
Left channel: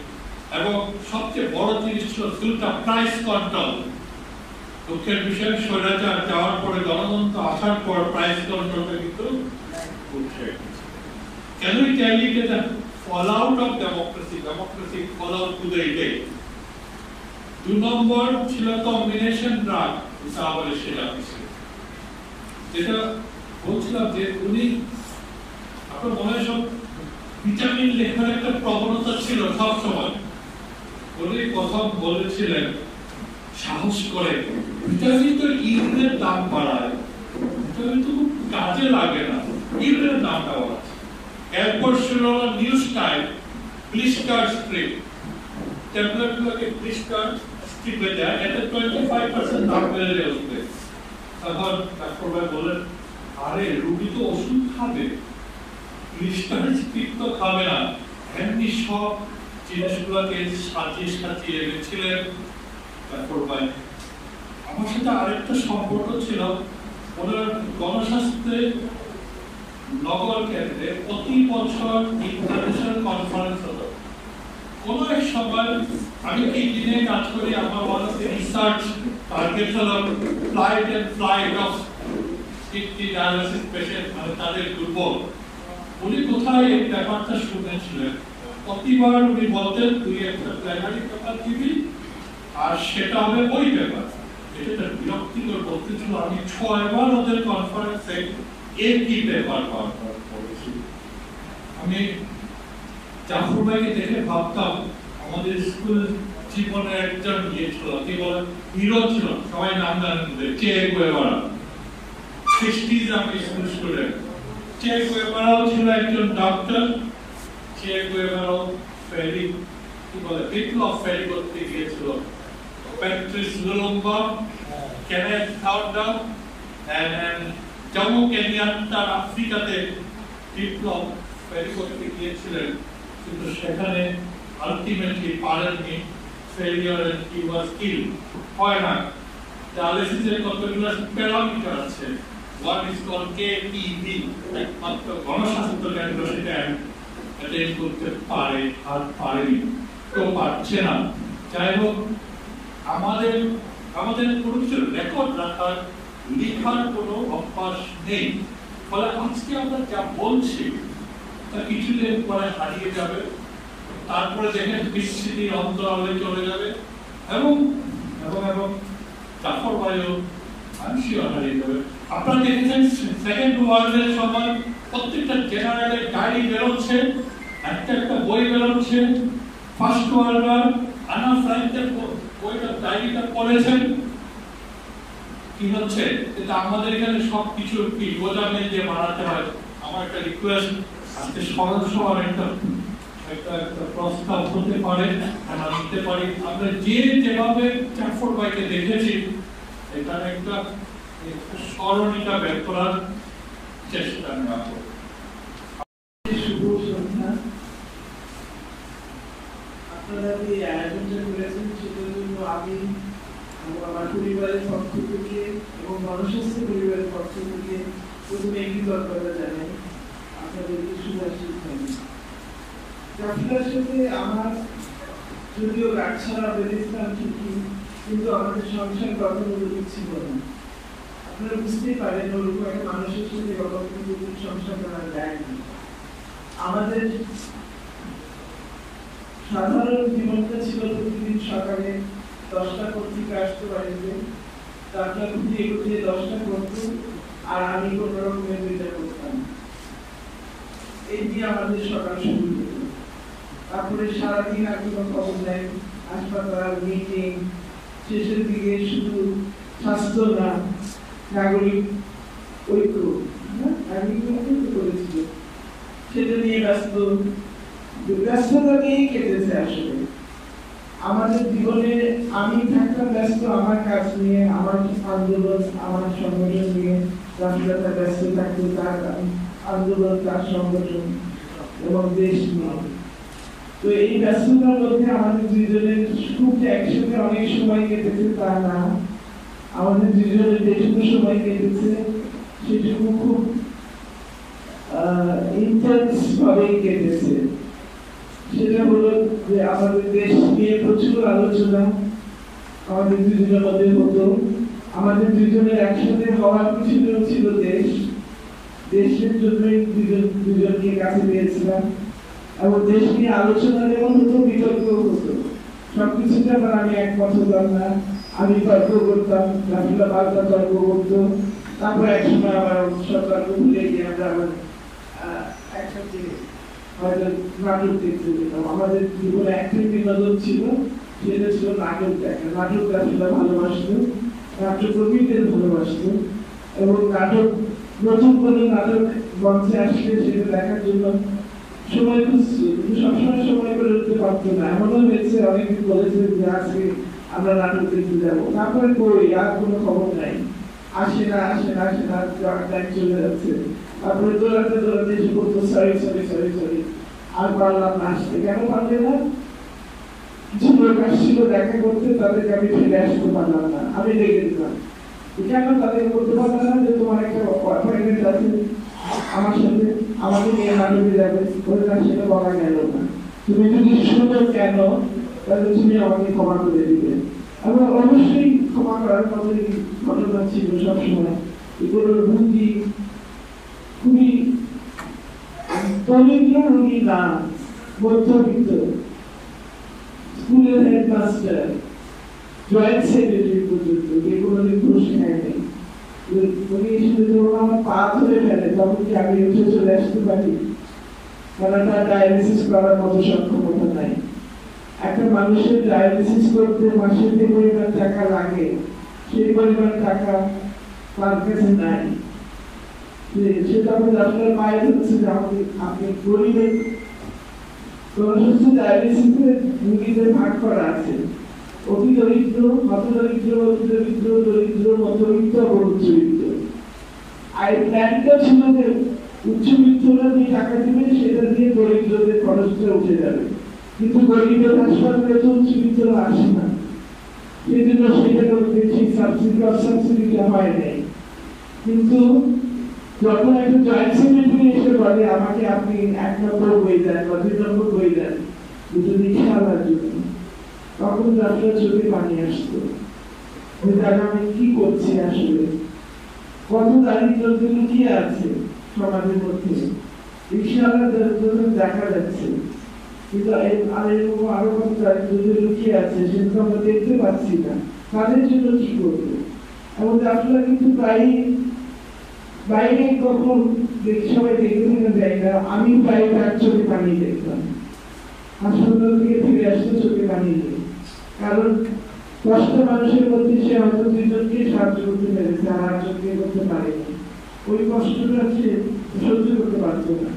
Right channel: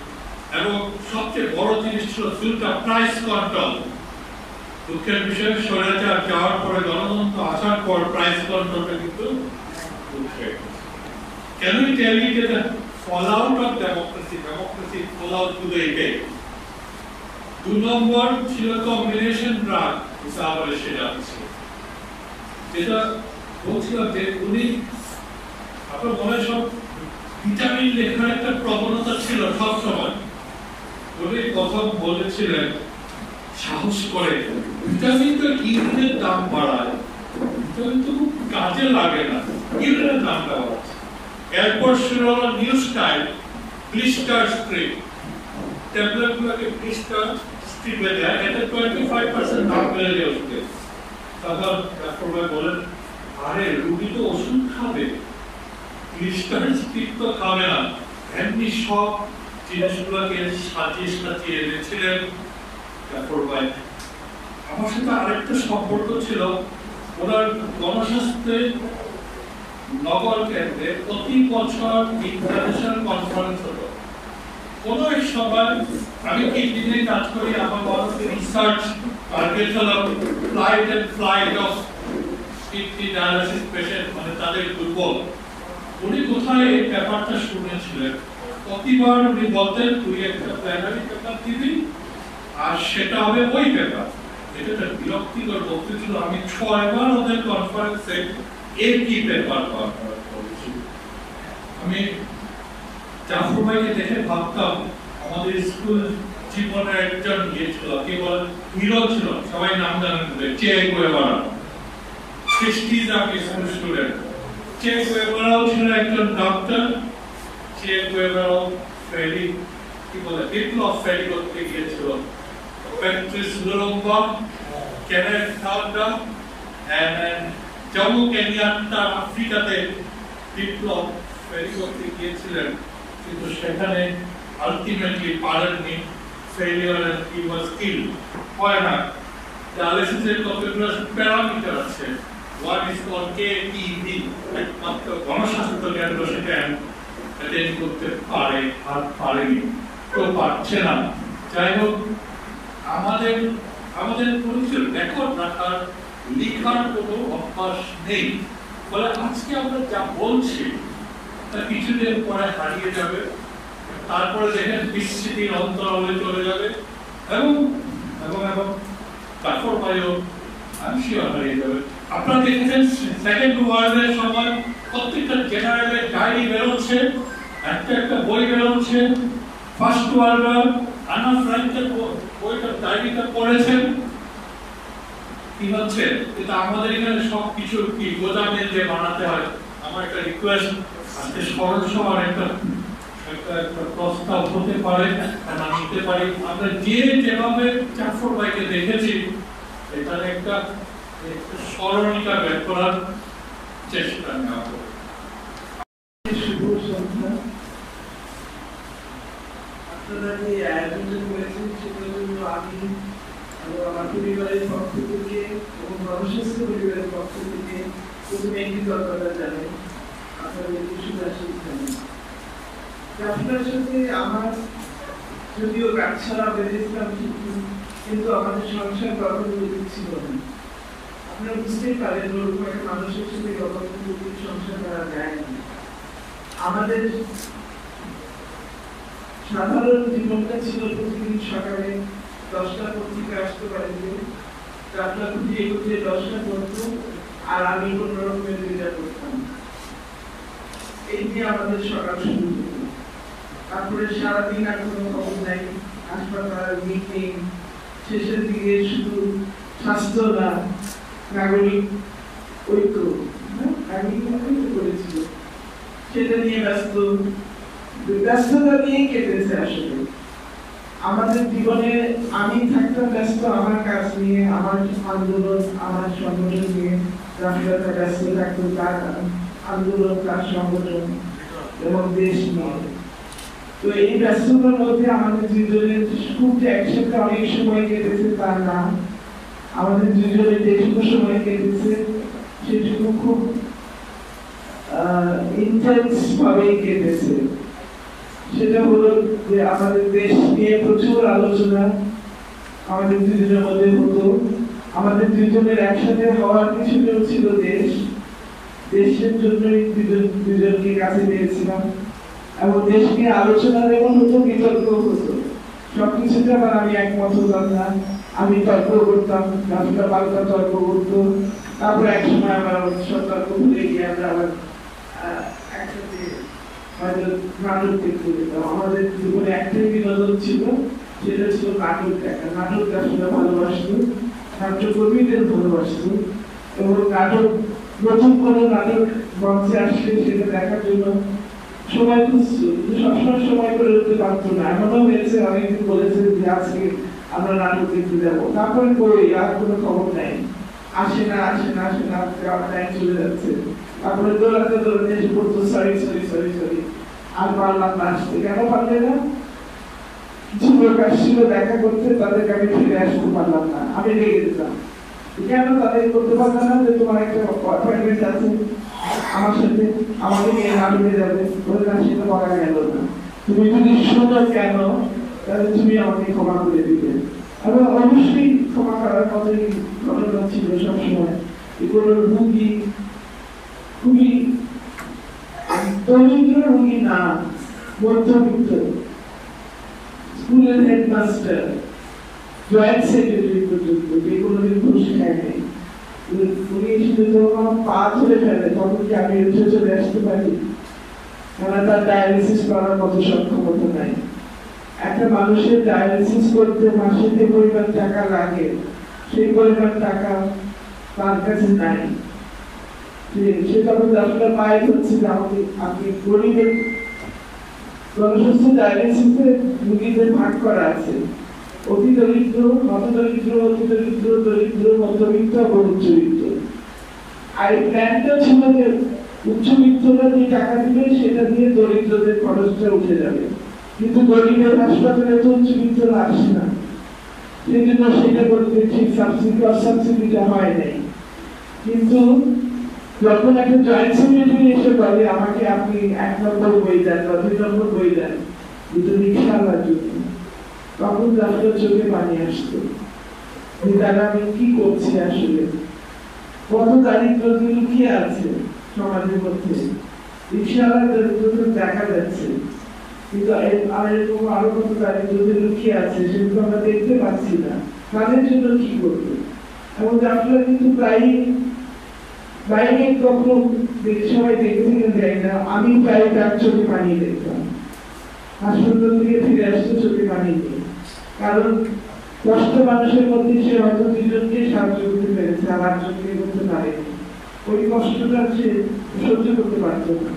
এবং সবচেয়ে বড় জিনিস ছিল দুটা প্রাইস কন্ট্রোল। দুঃখের বিষয় স্বৈরাচার যাওয়ার পরে গণতন্ত্র আসার পর প্রাইস কন্ট্রোলটা কিন্তু উঠে গেছে। Can we tell you the fallout of democracy fallout to the effect? 2 নম্বর ছিল কম্বিনেশন ড্রাগ হিসাবে সেটা ছিল, যেটা বলছিলাম যে উনি আপনার মনে সব ভিটামিন লেখার একটা প্রবণতা ছিল সব সময়। উনি প্রথম বলেছিলেন সাহস করে ভিটামিন তো ইউরিনের দাম বাড়ায়, ভিটামিন তো খুব কাজে লাগে না, ইউরিনের দামটা বাড়ায়। এরপর শুরু হলো নিউ স্টাইল ব্লিস্টার স্ট্রিপ, ট্যাবলেটগুলোকে ব্লিস্টার স্ট্রিপে দেয়, এতে 25% দাম বেড়ে যায় ওষুধে। তখন ডাক্তার বলেন আরে রুগী তো ওষুধ খাবে, ব্লিস্টার স্ট্রিপ তো খাবে না। এমনি সব জিনিসগুলোকে সাজিয়ে এনেছিলেন ডাক্তার ভাই। আমার সাথে আরেকটা সম্পর্ক ছিল, ওনার গণস্বাস্থ্যে নগর কেন্দ্রে প্রতি বছর ইন্টারন্যাশনাল কনফারেন্স হতো। কোনো এক সময় আমি 3 দিনে কাজ করি, আমার রিসার্চ টার্গেট হলো flight of kidney dialysis patient, মানে তাদের দুর্বল। উনি কোথায় এই ব্যাপারটা শুনেছিলেন, প্রতিবার উনি বলতেন তুই একটা প্ল্যানারি পেপার দিবি আর সেটা হবে ওই পেপার। এটা বিরক্তিকর বলতেছিল, আমি 6 বার ওদের কনফারেন্সে একই পেপার করেছি। আমি জাফর ভাইকে দেখে ভাবতাম আমাদের স্কুল জীবনের একজন ইয়ে ছিল, কি বলে হিরো ছিল, সবাই নাম জানেন, চে গুয়েভারা। 60s আমি স্কুল স্টুডেন্ট। চে গুয়েভারাও ছিল একজন ডক্টর। চে গুয়েভারাও ফেরি কি বলে বিপ্লব ফেরি করতে গিয়েছিল। প্যাট্রিস লুলুম্বা, কেনেথ থাউডা এন্ড জম্মু কেনিয়াত্তা আফ্রিকাতে বিপ্লব ফেরি করতে গিয়েছিলেন, কিন্তু সেখানে আলটিমেটলি পারেননি, failure and he was killed. হয় না, ডায়ালিসিসের কতগুলো প্যারামিটার আছে, ওয়ান ইজ কল্ড কেপিভি, একমাত্র গণস্বাস্থ্য কেন্দ্র সেটা অ্যাটেন্ড করতে পারে আর পারেনি, কেউ পারছে না। যাই হোক, আমাদের পুরুষের রেকর্ড রাখার লিখার কোনো অভ্যাস নেই, ফলে আজকে আমরা যা বলছি তা কিছুদিন পরে হারিয়ে যাবে, তারপরে দেখেন বিস্মৃতির অন্তরালে চলে যাবে এবং এবং এবং তারপর বাইরেও আংশিক হারিয়ে যাবে। আপনারা দেখেছেন সেকেন্ড ওয়ার্ল্ডের সময় প্রত্যেকটা জেনারেলের ডায়েরি বেরোচ্ছে, একটা বই বেরোচ্ছে। ফার্স্ট ওয়ার্ল্ড ওয়ার আনা ফ্রাঙ্কের বইটা ডায়েরিটা পড়েছেন, কি হচ্ছে এটা আমাদের এখানে সবকিছু কি গোদামে দিয়ে বানাতে হয়। আমার একটা রিকোয়েস্ট, আজকে স্মরণ সভার একটা প্রস্তাব হতে পারে, আমরা নিতে পারি। আমরা যেভাবে জাফর ভাইকে দেখেছি, এখানে একটা স্মরণিকা বের করার চেষ্টা নেওয়া হবে। আপনারা যে আয়োজনটা করেছেন সেটার জন্য আমি আমার পরিবারের পক্ষ থেকে এবং গণস্বাস্থ্য পরিবারের পক্ষ থেকে প্রথমে কৃতজ্ঞতা জানাই আপনাদের সুদাসির জন্য। আপনার সাথে আমার যদিও গাছছাড়া বেঁধেছিলাম ঠিকই, কিন্তু আমাদের সংসার কখনো ছিল না। আপনারা বুঝতেই পারেন ওরকম একটা মানুষের সাথে গণতন্ত্র সংসার করা যায় না। আমাদের সাধারণ জীবনটা ছিল প্রতিদিন সকালে 10টা পত্রিকা আসতে বাড়িতে, তারপর ঘুরিয়ে 10টা করতো, আর আমি কোনো রকমের যেটা করতাম। এই দিয়ে আমাদের সকাল শুরু হতো। তারপরে সারাদিন আর কোনো খবর নাই, হাসপাতাল, মিটিং, শেষের দিকে শুধু স্বাস্থ্য না, নাগরিক ঐক্য করেছিল, সেটা নিয়ে ব্যস্ততা নিয়ে কেটেছে। আসলে আমাদের জীবনে আমি থাকতাম ব্যস্ত আমার কাজ নিয়ে, আমার আন্দোলন, আমার সংগঠন নিয়ে। রাফিদা ব্যস্ত থাকতো তার আন্দোলন, তার সংগঠন এবং দেশ নিয়ে। তো এই ব্যস্ততার মধ্যে আমাদের দুজনের খুব যে একসাথে অনেক সময় কেটেছে তা না, আমাদের দুজনের যেটুকু সময় কেটেছে সেটুকু খুব ইন্টেন্স ভাবে কেটেছে। সেটা হলো যে আমাদের দেশ নিয়ে প্রচুর আলোচনা আমাদের দুজনের মধ্যে হতো, আমাদের দুজনের একসাথে হওয়ার পিছনেও ছিল দেশ। দেশের জন্যই দুজনকে কাছে পেয়েছিলাম এবং দেশ নিয়ে আলোচনা যেমন হতো, বিতর্ক হতো। সবকিছুতে আবার আমি একমত হতাম না, আমি তর্ক করতাম, রাফিলা বারবার তর্ক করতো। তারপর একসময় আমার সরকার ভুলে গিয়ে আমরা আবার একসাথে নাটক দেখতে যেতাম। আমাদের জীবনে একটাই বিনোদন ছিল, সেটা ছিল নাটক দেখা। নাটক রাফিলা ভালোবাসতো, নাট্যকর্মীদের ভালোবাসতো এবং নাটক নতুন কোনো নাটক মঞ্চে আসলে সেটা দেখার জন্য সময় খুঁজছে, কিন্তু সবসময় সময় করে উঠতে পারতো না। এমনও হয়েছে অনেকদিন বলেছে যে আজকে আমরা নাটক দেখতে যাবো, তারপরে কই আর কোনো খবর নাই, আসে না টাইম চলে যাচ্ছে। তারপরে দৌড়াতে এসে পড়তো সরি আর পারলাম না আসতে। কেন পারলে না? কিছু লোক আসছিল দেখা করতে, তাদেরকে আমি ফিরে আসতে পারলাম না, আমি রেগে দিতাম। কেন তাদের করতে পারলাম না? যে তোমার একটা অ্যাপয়েন্টমেন্ট আছে আমার সাথে, আমাকে নিয়ে নাটকে যাবে, সেটা বলা গেল না। তুমি যদি শোনো কেন, তাহলে তুমি আমাকে ক্ষমা করে দিবে। এবং অবশ্যই ক্ষমা করার মতোই ঘটনা ছিল সবসময়। এগুলো রুগী খুবই দরিদ্র রুগী না, মধ্যবিত্ত, স্কুলের হেডমাস্টার, জয়েন্ট সেক্রেটারি পর্যন্ত, যে কোনোদিন ঘুষ খায়নি। উনি শুধু আমার পা ধরে ফেলে, তখন কি আমি উঠে চলে আসতে পারি? কারণ তার ডায়ালিসিস করার মতো সক্ষমতা নাই। একটা মানুষের ডায়ালিসিস করতে মাসে যে পরিমাণ টাকা লাগে, সেই পরিমাণ টাকা তার কাছে নাই। সেটা আপনার মায়ের হচ্ছে যে আপনি গরিবের জনস্বাস্থ্য ডায়ালিসিসের রুগীদের ভাগ করা আছে অতি দরিদ্র, মত দরিদ্র, অতি দরিদ্র, দরিদ্র, মধ্যবিত্ত এবং উচ্চবিত্ত। আর প্ল্যানটা ছিল যে উচ্চবিত্তরা যে টাকা দিবে সেটা দিয়ে দরিদ্রদের খরচটা উঠে যাবে, কিন্তু গরিবের হাসপাতালে তো উচ্চবিত্তরা আসে না, সেই জন্য সেটা করতে ঠিক সাবসিডিটা হয় নাই। কিন্তু যখন একটা জয়েন্ট সেক্রেটারি এসে বলে আমাকে আপনি 1 নম্বর বই দেন বা 2 নম্বর বই দেন দুটো রিক্সা আনার জন্য, তখন আপনার চোখে পানি আসতো যে দাদা আমি কি করছি আসলে, কত দারিদ্র লুকিয়ে আছে সমাজের মধ্যে। রিক্সাওয়ালার দরিদ্রতা দেখা যাচ্ছে, কিন্তু আরো কত দারিদ্র লুকিয়ে আছে সেগুলো আমরা দেখতে পাচ্ছি না। তাদের জন্য কি করবো? এবং আপনারা কিন্তু প্রায় বাইরে কখনো সবাই দেখতে যায় না, আমি প্রায় তার চোখে পানি দেখতাম। হাসপাতাল থেকে ফিরে আসতে চোখে পানি নেই, কারণ কষ্ট মানুষের মধ্যে সে হয়তো 2 জনকে সাহায্য করতে পেরেছে, আর 8 জনকে করতে পারেনি। ওই কষ্টটা সে সহ্য করতে পারত না,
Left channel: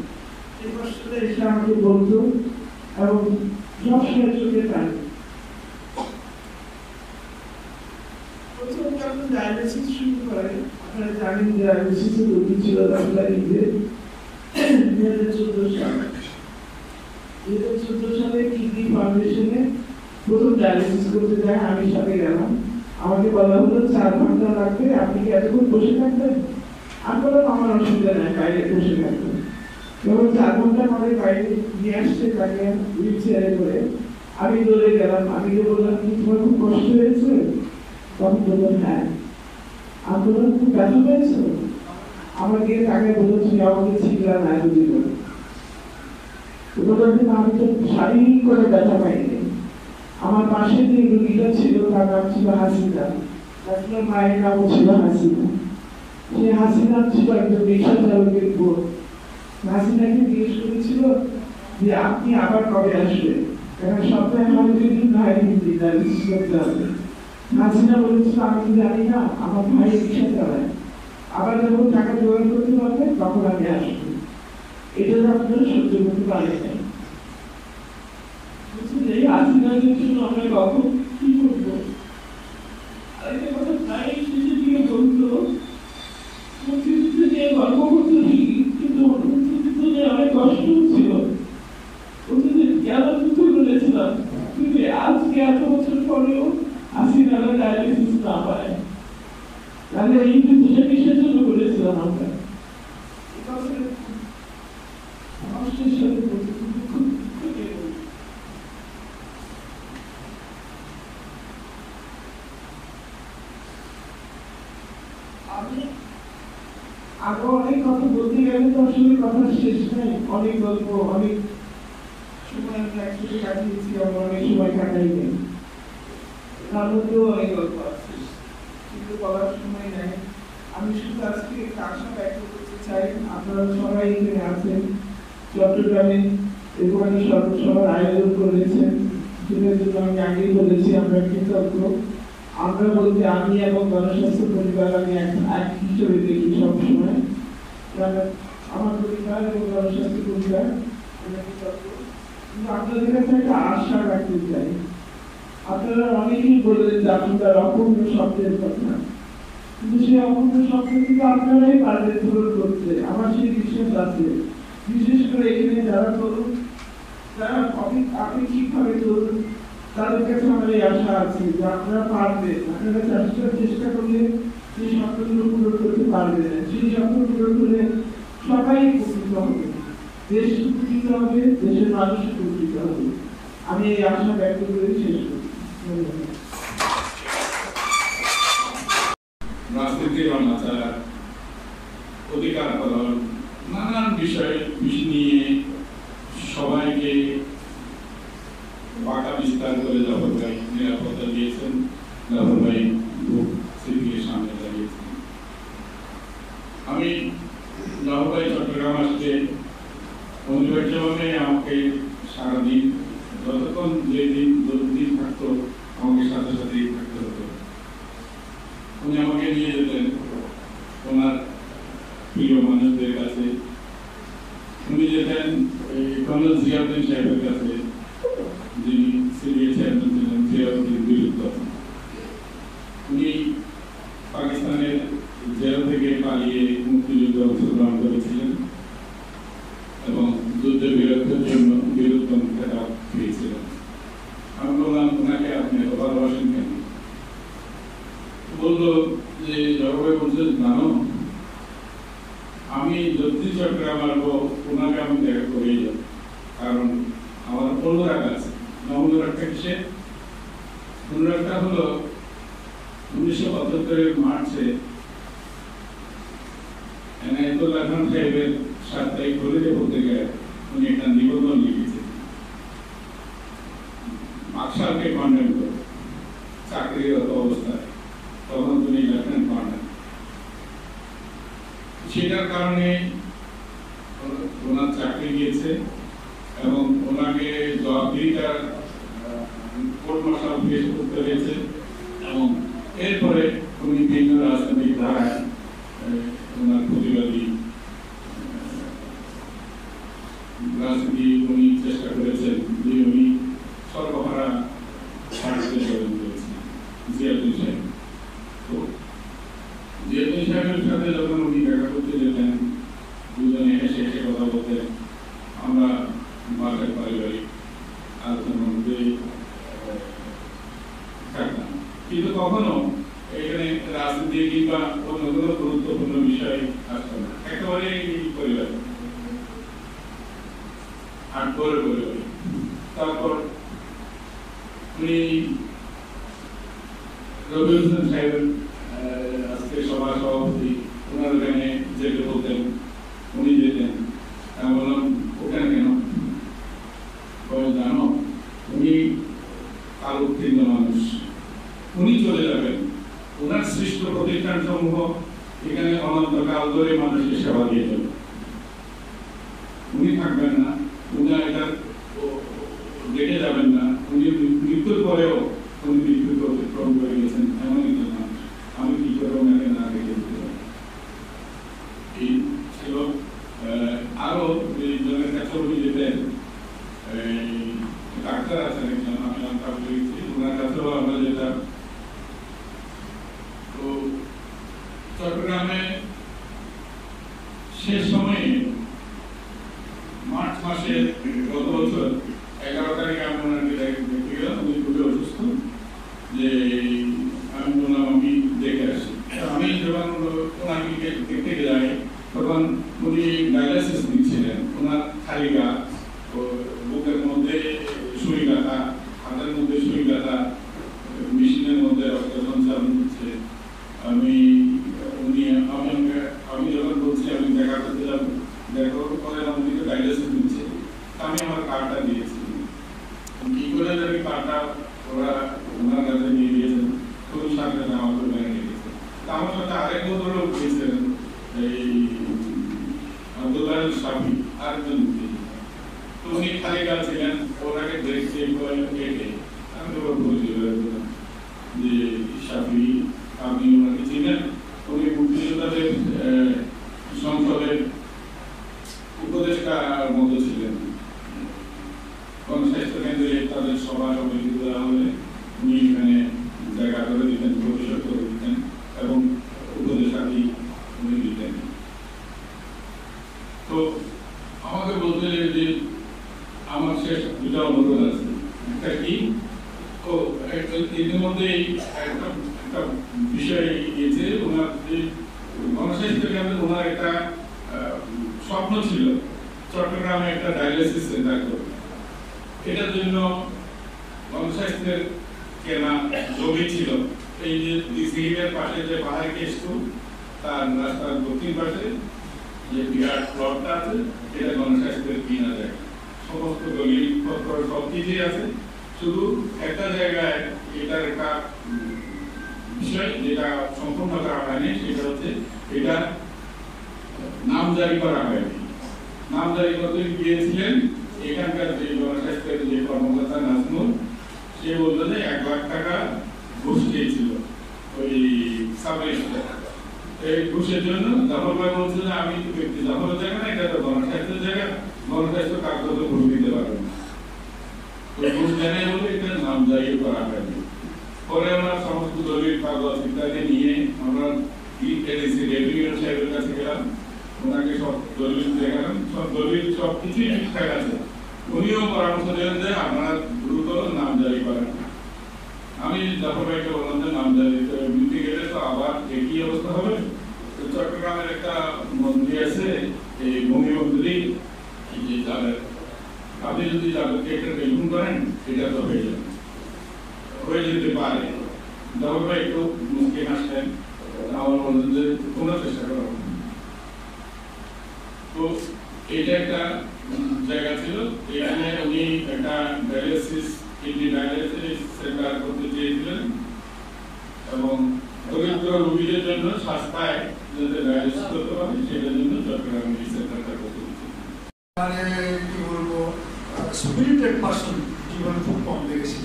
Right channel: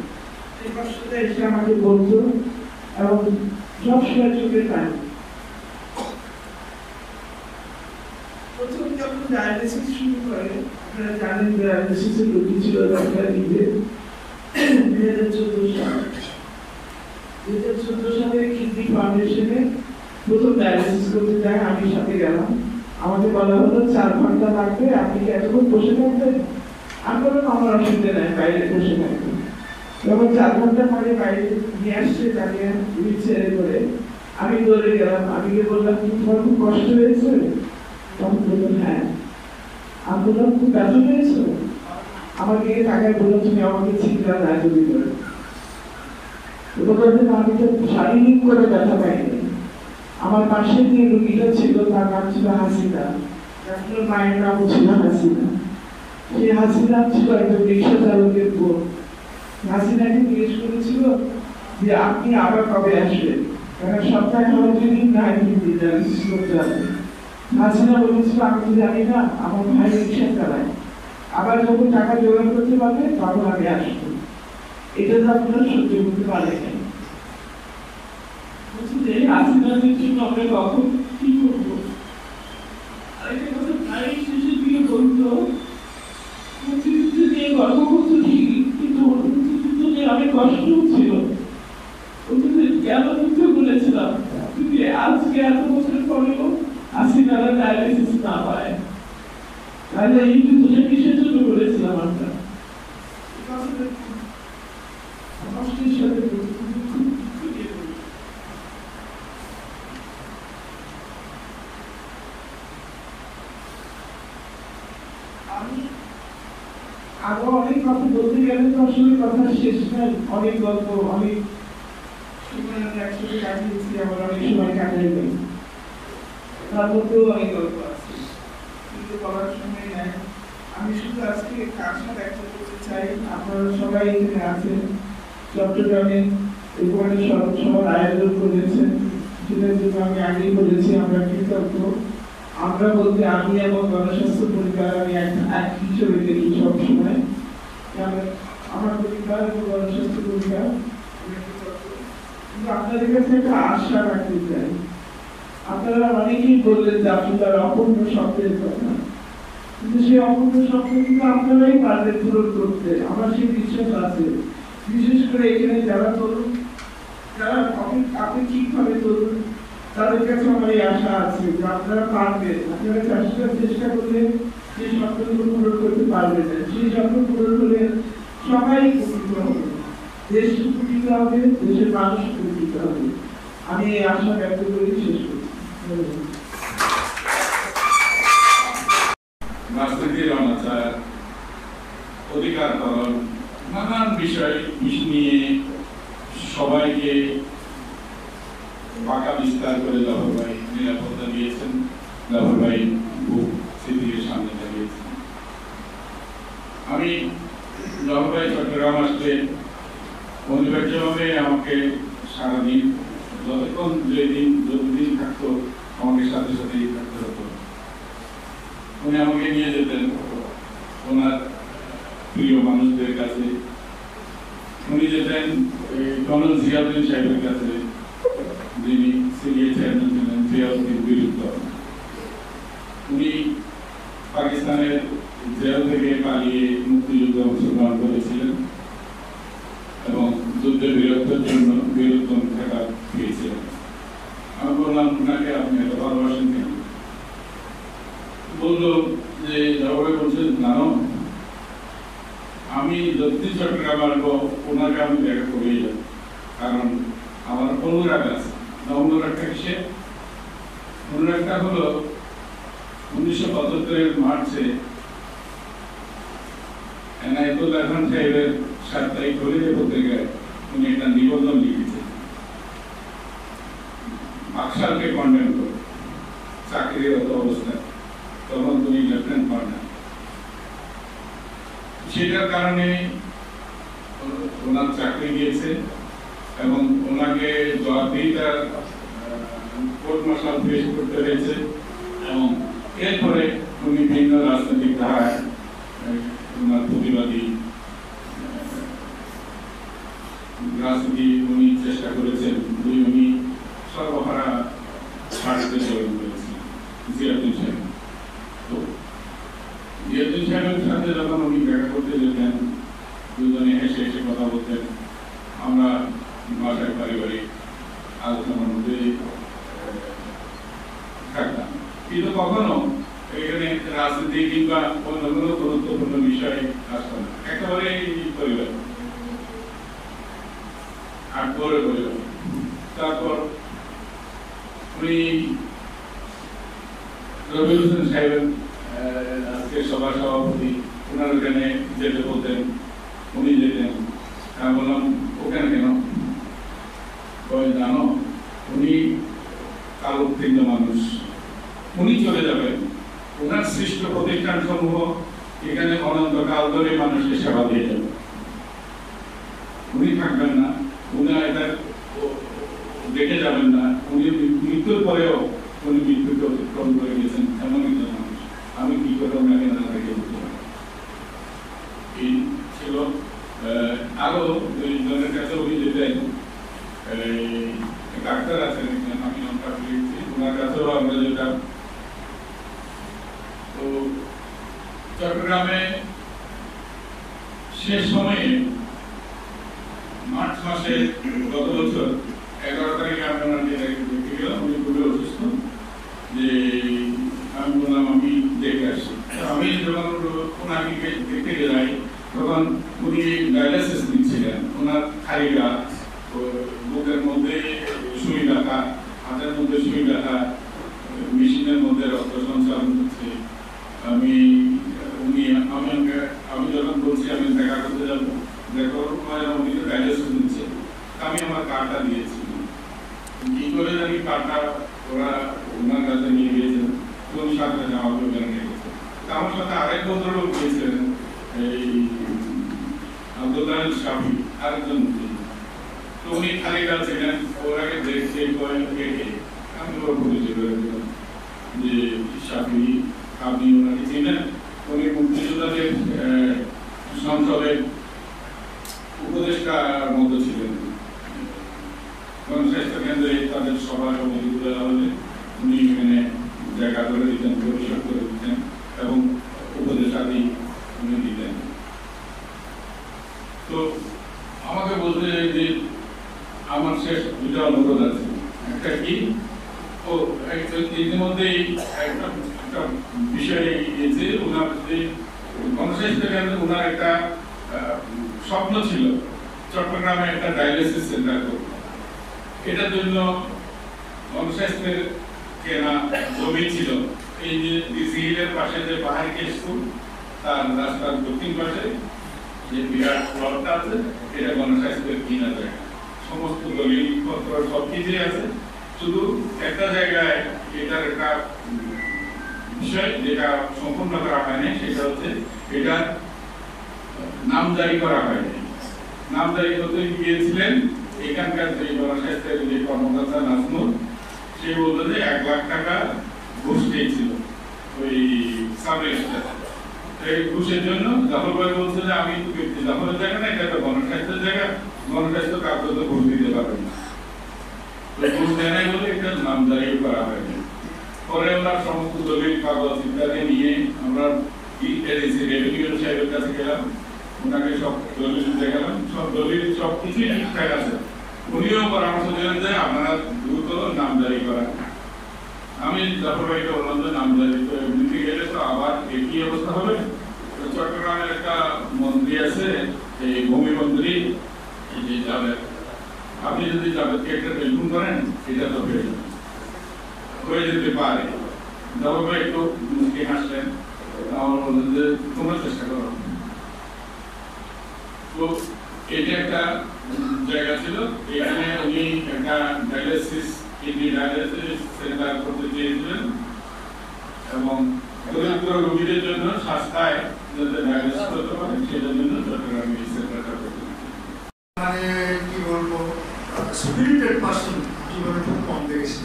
সেই কষ্টটা এসে আমাকে বলতো এবং সবসময় চোখে পানি। প্রথম যখন ডায়ালিসিস শুরু করে, আপনারা জানেন ডায়ালিসিসের রোগী ছিল ডক্টর নিজে 2014 সালে কিডনি ফাউন্ডেশনে প্রথম ডায়ালিসিস করতে যায়, আমি সাথে গেলাম। আমাকে বলা হলো 4 ঘন্টা লাগবে, আপনি কি এতক্ষণ বসে থাকবেন? আমি বললাম আমার অসুবিধা নেই, বাইরে বসে থাকবেন। যখন 4 ঘন্টা পরে বাইরে নিয়ে আসছে তাকে হুইল চেয়ারে করে, আমি দৌড়ে গেলাম। আমি গিয়ে বললাম কি তোমার খুব কষ্ট হয়েছে? তখন বললো হ্যাঁ। আমি বললাম খুব ব্যথা হয়েছে? আমাকে টাকায় বললো তুমি আমাকে ছিটলা না এতদিন করে। আমি তো শারীরিক করে ব্যথা পাইনি। আমার পাশে যে রুগীটা ছিল তার নাম ছিল হাসিনা, আপনার মায়ের নাম ছিল হাসিনা। সেই হাসিনা ছিল একজন রিক্সা চালকের বোন। হাসিনাকে জিজ্ঞেস করেছিল যে আপনি আবার কবে আসবেন, কারণ সপ্তাহে হয় 2 দিন না 3 দিন ডায়ালিসিস করতে হবে। হাসিনা বলেছিল আমি তো জানি না, আমার ভাই রিক্সা চালায়, আবার যখন টাকা জোগাড় করতে পারবে তখন আমি আসবো। এটা তো আপনারা সহ্য করতে পারেন নাই। হাসিনাদের জন্য আমরা কখন কি করবো? আরেকটা কথা প্রায় শেষের দিকে বলতো, মুক্তিযুদ্ধ নিয়ে গর্ব করতো ঠিকই, কিন্তু মুক্তিযুদ্ধ নিয়ে অনেক কষ্ট ছিল। কেন যুদ্ধ করেছিলাম, কিন্তু আজকে এত বছর পরেও হাসিনারা ডায়ালিসিস না পায়, তাহলে এই যুদ্ধটা কিসের জন্য করেছিলাম আমরা? কষ্টের সাথে আমি আরো অনেক কথা বলতে গেলে তো আসলে কথা শেষ নাই, অনেক গল্প, অনেক সময় একসাথে কাটিয়েছি, আবার অনেক সময় কাটাই নাই, তার মধ্যেও অনেক গল্প আছে, কিন্তু বলার সময় নাই। আমি শুধু আজকে আশা ব্যক্ত করতে চাই, আপনারা সবাই এখানে আছেন, চট্টগ্রামে এখানে সবার আয়োজন করেছেন, সেটার জন্য আমি আগেই বলেছি আমরা কৃতজ্ঞ। আমরা বলতে আমি এবং গণস্বাস্থ্য পরিবার আমি এক হিসেবে দেখি সবসময়, আমার পরিবার এবং গণস্বাস্থ্য পরিবার কিন্তু আপনাদের কাছে একটা আশা রাখতে চাই। আপনারা অনেকেই বললেন যে আপনার অপূর্ণ স্বপ্নের কথা, কিন্তু সেই অপূর্ণ স্বপ্ন কিন্তু আপনারাই পারবেন পূরণ করতে, আমার সেই বিশ্বাস আছে। বিশেষ করে এখানে যারা তরুণ, যারা আপেক্ষিকভাবে তরুণ, তাদের কাছে আমার এই আশা আছে যে আপনারা পারবেন, আপনারা চেষ্টা করলে সেই স্বপ্নগুলো পূরণ করতে পারবেন। সেই স্বপ্ন পূরণ হলে সবাই উপকৃত হবে, দেশ উপকৃত হবে, দেশের মানুষ উপকৃত হবে। আমি এই আশা ব্যক্ত করে শেষ করছি। রাজনীতির অনাচার, অধিকার পালন, নানান বিষয় নিয়ে সবাইকে বাঁকা বিস্তার করে জাফর ভাই নিরাপত্তা দিয়েছেন, জাফর ভাই খুব স্মৃতির সামনে দাঁড়িয়েছেন। আমি জাফর ভাই চট্টগ্রাম আসলে অনিবার্যভাবে আমাকে সারাদিন, যতক্ষণ যতদিন থাকতো আমাকে সাথে সাথেই থাকতে হতো। উনি আমাকে নিয়ে যেতেন ওনার প্রিয় মানুষদের কাছে, উনি যেতেন কর্নেল জিয়াউদ্দিন সাহেবের কাছে, যিনি সিরিয়া চেয়ারম্যান ছিলেন, জিয়াউদ্দিন বিরুদ্ধে। উনি পাকিস্তানের জেল থেকে পালিয়ে মুক্তিযুদ্ধে অংশগ্রহণ করেছিলেন এবং যুদ্ধে বীরত্বের জন্য বীরত্তম খেতাব পেয়েছিলেন। আমি বললাম, ওনাকে আপনি এত ভালোবাসেন কেন? বললো যে জবাবে বলছেন, জানো আমি যতদিন চট্টগ্রাম আসবো ওনাকে আমি দেখা করেই যাব, কারণ আমার অনুরাগ আছে। অনুরাগটা কিসে? অনুরাগটা হলো 1975 মার্চে এনায়েতুল্লাহ খান সাহেবের সাপ্তাহিক হলিডে পত্রিকায় উনি একটা নিবন্ধন লিখেছেন, মাকসালকে কন্ডেম করে চাকরিরত অবস্থায়, তখন তিনি লেফটেন্যান্ট কর্নেল। সেটার কারণে ওনার চাকরি গিয়েছে এবং ওনাকে জবাবদিহিতার কোর্ট মার্শাল পেশ করতে হয়েছে এবং এরপরে উনি ভিন্ন রাজনৈতিক ধারায় ওনার প্রতিবাদী রাজনীতি উনি চেষ্টা করেছেন যে উনি সর্বহারা ছাড়তে সেবন করেছেন জিয়াউদ্দিন সাহেব। তো জিয়াউদ্দিন সাহেবের সাথে যখন উনি দেখা করতে যেতেন, দুজনে হেসে হেসে কথা বলতেন, আমরা বাসায় পারিবারিক আলোচনার মধ্যে থাকতাম, কিন্তু কখনো এখানে রাজনীতি কিংবা অন্য কোনো গুরুত্বপূর্ণ বিষয় আসতো না। একেবারে পরিবার আটপরের পরিবার। তারপর উনি রবিউল হোসেন সাহেব আজকে সভা সভাপতি, ওনার ওখানে যেতে বলতেন, উনি যেতেন। আমি বললাম, ওখানে কেন? জানো উনি কাল উত্তীর্ণ মানুষ, উনি চলে যাবেন, ওনার সৃষ্ট প্রতিষ্ঠান সমূহ এখানে অনন্তকাল ধরে মানুষকে সেবা দিয়ে যাবে, উনি থাকবেন না, উনি এটা দেখে যাবেন না, উনি মৃত্যুর পরেও উনি মৃত্যুকে অতিক্রম করে গেছেন, এমন একজন মানুষ। আমি কি করে ওনাকে না দেখে যেতে পারি? এই ছিল। আরো জনের কাছে উনি যেতেন, ডাক্তার আছেন এখানে, আমি অনেক লিখছি, ওনার কাছেও আমরা যেতাম। তো চট্টগ্রামে শেষ সময়ে মার্চ মাসে গত বছর 11 তারিখে আমরা ওনাকে দেখতে গেলাম, উনি খুবই অসুস্থ। যে আমি বললাম আমি দেখে আসি। আমি যখন ওনাকে দেখতে যাই তখন উনি ডায়ালিসিস দিচ্ছিলেন, ওনার খালি গা, বুকের মধ্যে সুই ব্যথা, হাতের মধ্যে সুই ব্যথা, মেশিনের মধ্যে রক্ত সঞ্চালন হচ্ছে। উনি ইতিমধ্যেই একটা বিষয় যে ওনার যে গণস্বাস্থ্য কেন্দ্রে ওনার একটা স্বপ্ন ছিল চট্টগ্রামে একটা ডায়ালিসিস সেন্টার করবে। এটার জন্য গণস্বাস্থ্যের কেনা জমি ছিল এই যে ডিসি হিলের পাশে যে বাহারিকে স্কুল তার রাস্তার দক্ষিণ পাশে যে বিরাট প্লটটা আছে এটা গণস্বাস্থ্যের কিনা জায়গা, সমস্ত দলিল পত্র সব কিছুই আছে। শুধু একটা জায়গায় এটার একটা বিষয় যেটা সম্পূর্ণ করা হয়নি, সেটা হচ্ছে এটা নামজারি করা হয়নি। নামজারি করতে গিয়েছিলেন এখানকার যে গণস্বাস্থ্যের যে কর্মকর্তা নাজমুল, সে বলল যে 1 লাখ টাকা ঘুষ দিয়েছিল ওই সাব রেজিস্ট্রার। এই ঘুষের জন্য জাফর ভাই বলছে যে আমি তো ব্যক্তি জাফরের জায়গা না, এটা তো গণস্বাস্থ্যের জায়গা, গণস্বাস্থ্য কাউকে তো ঘুষ দিতে পারবেন না। তো ঘুষ দেয় বলে এটা নামজারি করা হয়নি। পরে আমরা সমস্ত দলিল কাগজ ইত্যাদি নিয়ে আমরা রেভিনিউ সাহেবের কাছে গেলাম, ওনাকে সব দলিল দেখালাম, সব দলিল সব কিছুই ঠিকঠাক আছে। উনিও পরামর্শ দিলেন যে আপনারা দ্রুত নামজারি করেন। আমি জাফর ভাইকে বললাম যে নামজারি করে নিতে গেলে তো আবার একই অবস্থা হবে। চট্টগ্রামের একটা মন্ত্রী আছে এই ভূমি মন্ত্রী, এই যে জাভেদ, আপনি যদি জাভেদকে একটা টেলিফোন করেন এটা তো হয়ে যেতে পারে। জাফর ভাই একটু মুসকি হাসলেন, আমার বললেন যে তোমরা চেষ্টা করো। তো এটা একটা জায়গা ছিল, এখানে উনি একটা ডায়ালিসিস কিডনি ডায়ালিসিস সেন্টার করতে চেয়েছিলেন এবং দরিদ্র রোগীদের জন্য সস্তায় যাতে ডায়ালিসিস করতে পারে সেটার জন্য চট্টগ্রামে এই সেন্টারটা করতে মানে কি বলবো, স্পিরিটেড পার্সন জীবনে খুব কম দেখেছি।